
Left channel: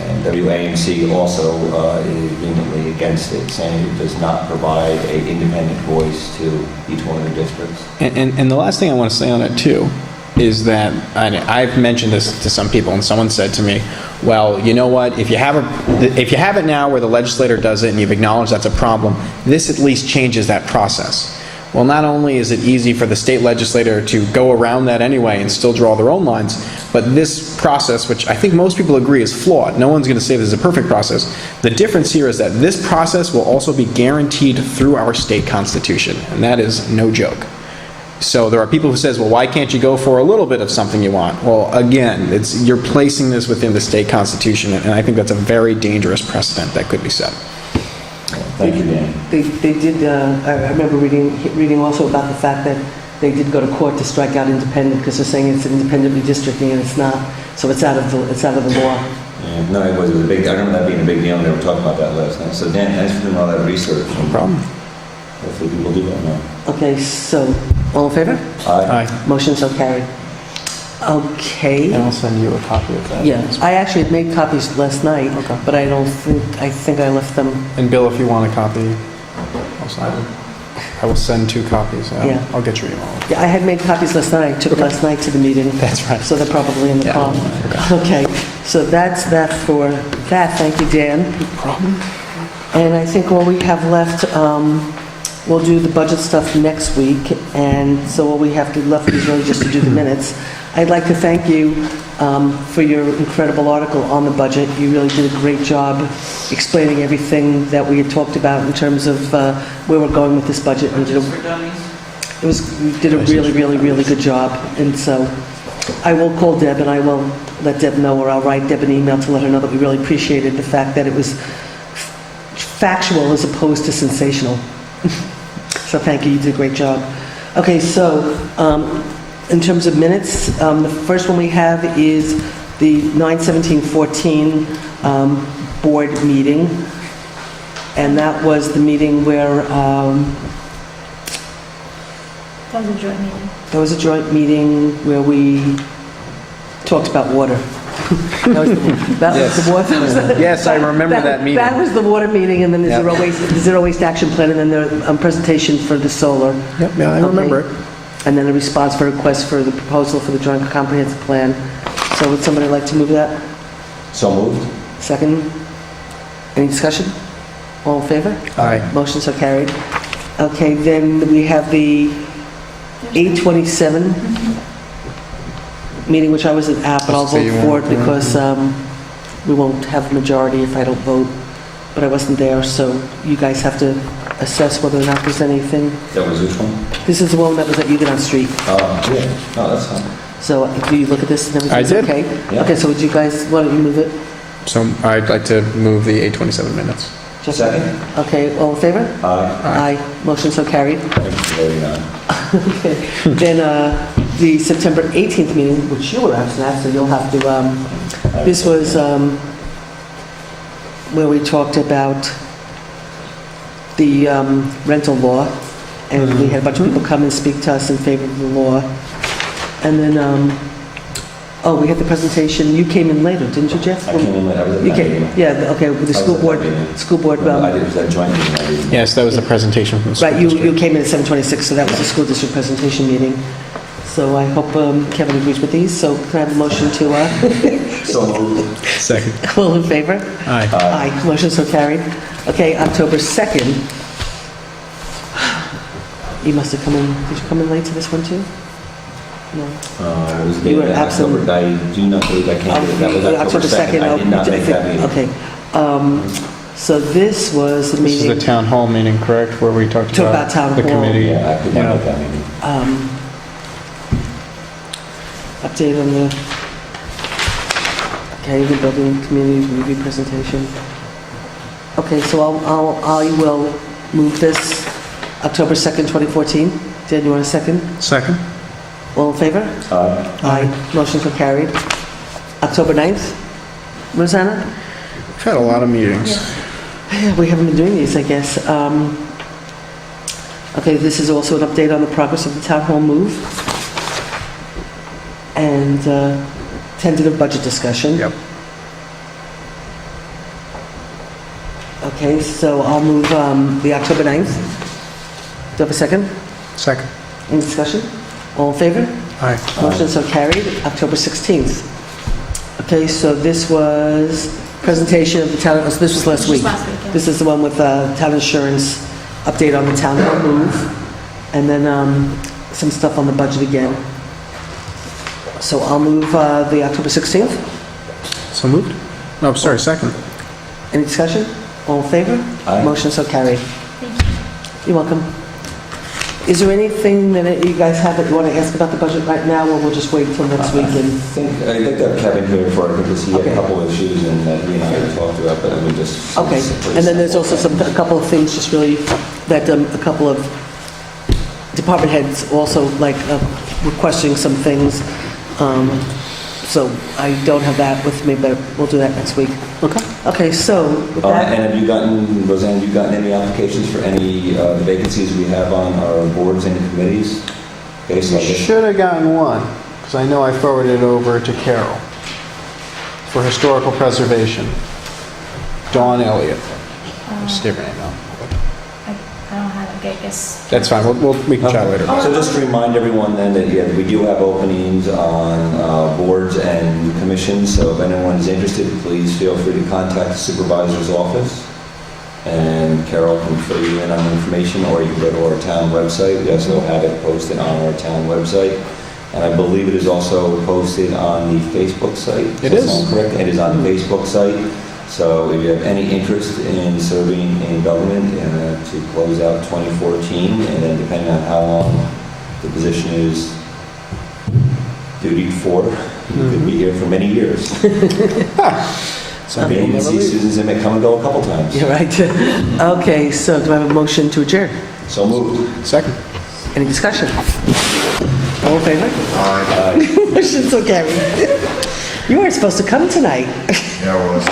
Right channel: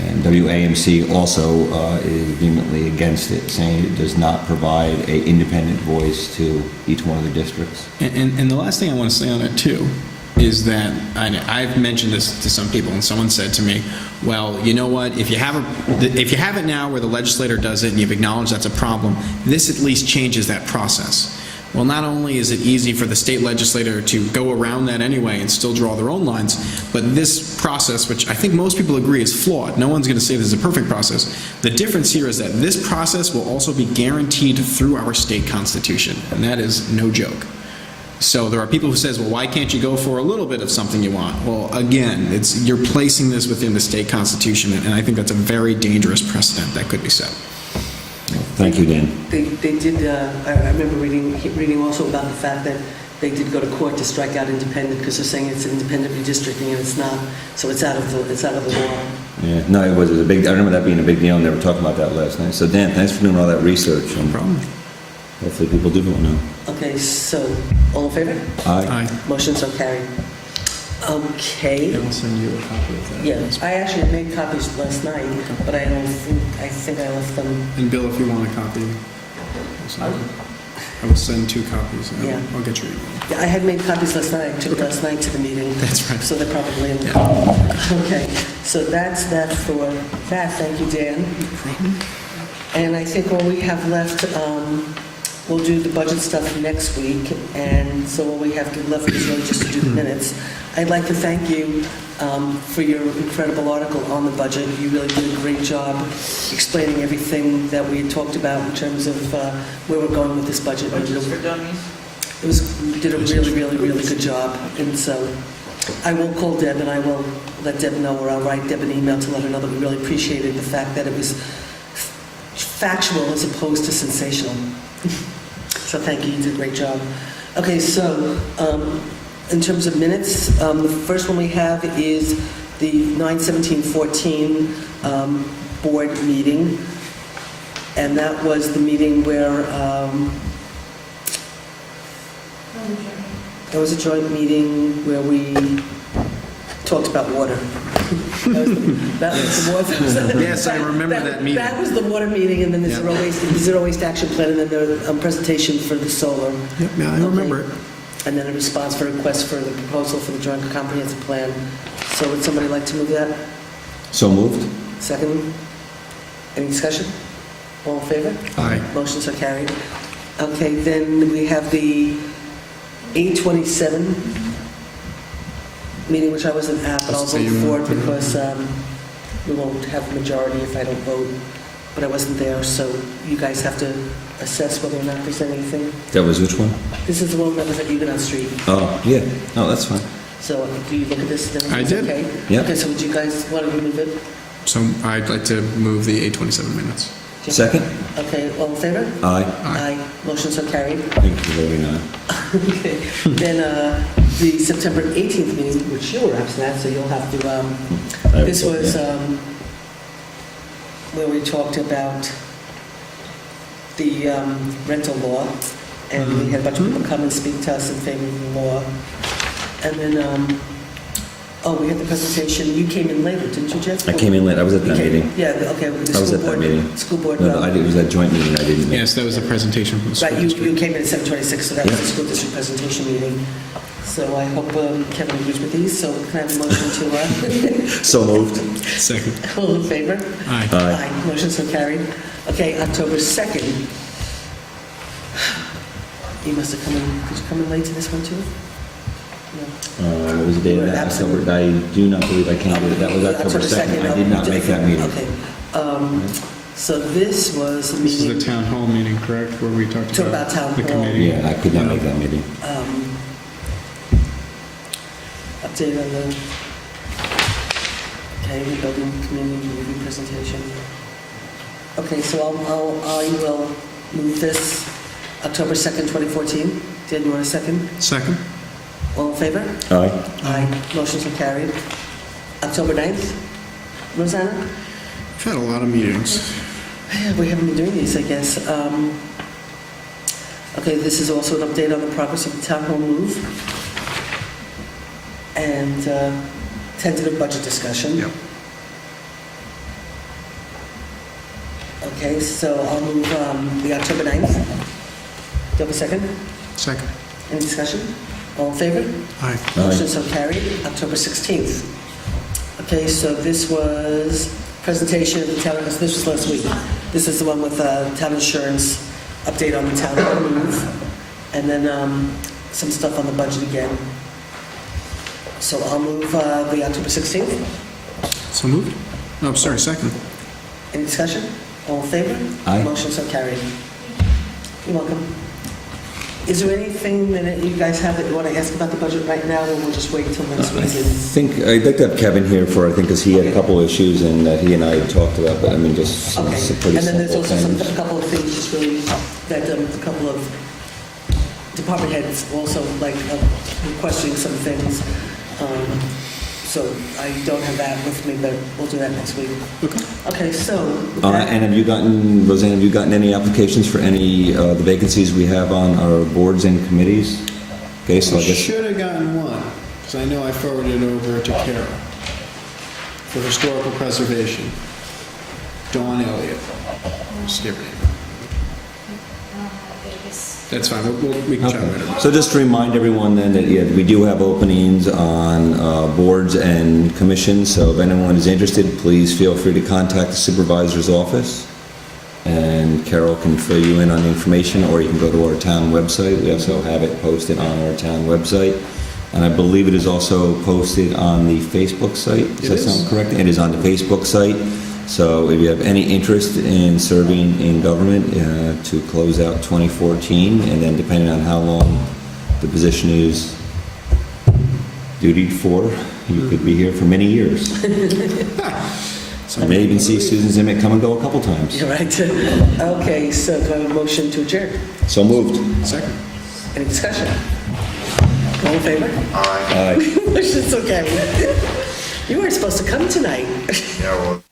And WAMC also is vehemently against it, saying it does not provide an independent voice to each one of the districts. And the last thing I want to say on it, too, is that I've mentioned this to some people, and someone said to me, well, you know what, if you have it now where the legislator does it and you've acknowledged that's a problem, this at least changes that process. Well, not only is it easy for the state legislator to go around that anyway and still draw their own lines, but this process, which I think most people agree is flawed, no one's going to say this is a perfect process. The difference here is that this process will also be guaranteed through our state constitution, and that is no joke. So there are people who says, well, why can't you go for a little bit of something you want? Well, again, you're placing this within the state constitution, and I think that's a very dangerous precedent that could be set. Thank you, Dan. They did, I remember reading also about the fact that they did go to court to strike out independent, because they're saying it's independent redistricting, and it's not, so it's out of the law. Yeah, no, it was a big, I remember that being a big deal, and they were talking about that last night. So Dan, thanks for doing all that research. No problem. Hopefully people do vote no. Okay, so, all in favor? Aye. Aye. Motion so carried. Okay. And I'll send you a copy of that. Yeah, I actually had made copies last night, Okay. but I think I left them. And Bill, if you want a copy, I'll sign it. I will send 2 copies. Yeah. I'll get your email. I had made copies last night, I took last night to the meeting. That's right. So they're probably in the Yeah. car. Okay, so that's that for that, thank you, Dan. No problem. And I think all we have left, we'll do the budget stuff next week, and so all we have to left is really just to do the minutes. I'd like to thank you for your incredible article on the budget. You really did a great job explaining everything that we had talked about in terms of where we're going with this budget. And you did a really, really, really good job. And so I will call Deb, and I will let Deb know, or I'll write Deb an email to let her know that we really appreciated the fact that it was factual as opposed to sensational. So thank you, you did a great job. Okay, so in terms of minutes, the first one we have is the 9/17/14 board meeting, and that was the meeting where That was a joint meeting. there was a joint meeting where we talked about water. That was the water. Yes, I remember that meeting. That was the water meeting, and then the Yep. zero waste action plan, and then a presentation for the solar. Yep, yeah, I remember it. And then a response for a request for the proposal for the joint comprehensive plan. So would somebody like to move that? So moved? Second? Any discussion? All in favor? Aye. Motion so carried. Okay, then we have the 8/27 meeting, which I wasn't at, but I'll So you vote for won't- it because we won't have a majority if I don't vote. But I wasn't there, so you guys have to assess whether or not there's anything. That was which one? This is the one that was at Huguenot Street. Oh, yeah. Oh, that's fine. So do you look at this and everything? I did. Okay? Yeah. Okay, so would you guys, why don't you move it? So I'd like to move the 8/27 minutes. Second? Okay, all in favor? Aye. Aye. Motion so carried. Thank you for voting aye. Okay. Then the September 18th meeting, which you were absent at, so you'll have to, this was where we talked about the rental law, and we had a bunch of people come and speak to us in favor of the law. And then, we had the presentation, you came in later, didn't you, Jeff? I came in late. I was at You that came, meeting. yeah, okay, the I was school at that board, meeting. school board, No, I did. It was that joint meeting. I didn't. Yes, that was a presentation from the school right, you district. came in at 7:26, so that was the school district presentation meeting. So I hope Kevin agrees with these, so can I have a motion to, So moved. Second. all in favor? Aye. Aye, motion so carried. Okay, October 2nd. You must have come in, did you come in late to this one too? No. It was a day You were that absent. October, I do not believe I came to that. Was October 2nd. I did not make that meeting. Okay. So this was the This is the meeting, town hall meeting, correct, where we talked Talk about about town the hall. committee? Yeah, I could not make that meeting. update on the, okay, the building community review presentation. Okay, so I will move this October 2nd, 2014. Dan, you want a second? Second? All in favor? Aye. Aye. Motion so carried. October 9th? Rosanna? We've had a lot of meetings. Yeah, we haven't been doing these, I guess. Okay, this is also an update on the progress of the town hall move. And tentative budget discussion. Yep. Okay, so I'll move the October 9th. Do you have a second? Second. Any discussion? All in favor? Aye. Motion so carried. October 16th. Okay, so this was presentation of the town, this was last week. Last week, yeah. This is the one with town insurance, update on the town hall move. and then some stuff on the budget again. So I'll move the October 16th. So moved? No, sorry, second. Any discussion? All in favor? Aye. Motion so carried. Thank you. You're welcome. Is there anything that you guys have that you want to ask about the budget right now, or we'll just wait till next week? I'd like to have Kevin here because he had a couple of issues and he and I had talked about, but I mean, just. Okay, it's a pretty and then there's simple also thing. a couple of things, just really, that a couple of department heads also like requesting some things. So I don't have that with me, but we'll do that next week. Okay. Okay, so with that, And have you gotten, Roseanne, have you gotten any applications for any the vacancies we have on our boards and committees? Okay, so I You guess. should have gotten one, because I know I forwarded it over to Carol for historical preservation. Dawn Elliott. Just give her name out. I don't have a good guess. That's fine, we can chat later. So just to remind everyone then that yeah, we do have openings on boards and commissions, so if anyone is interested, please feel free to contact the supervisor's office, and Carol can fill you in on information, or you can go to our town website. We also have it posted on our town website, and I believe it is also posted on the Facebook site. It Does is. that sound correct? It is on the Facebook site. So if you have any interest in serving in government to close out 2014, and then depending on how long the position is dutied for, you could be here for many years. Some Many people never see leave. students, they may come and go a couple times. you're right. Okay, so do I have a motion to adjourn? So moved. Second. Any discussion? All in favor? Aye. Motion so carried. You weren't supposed to come tonight. Yeah, it was.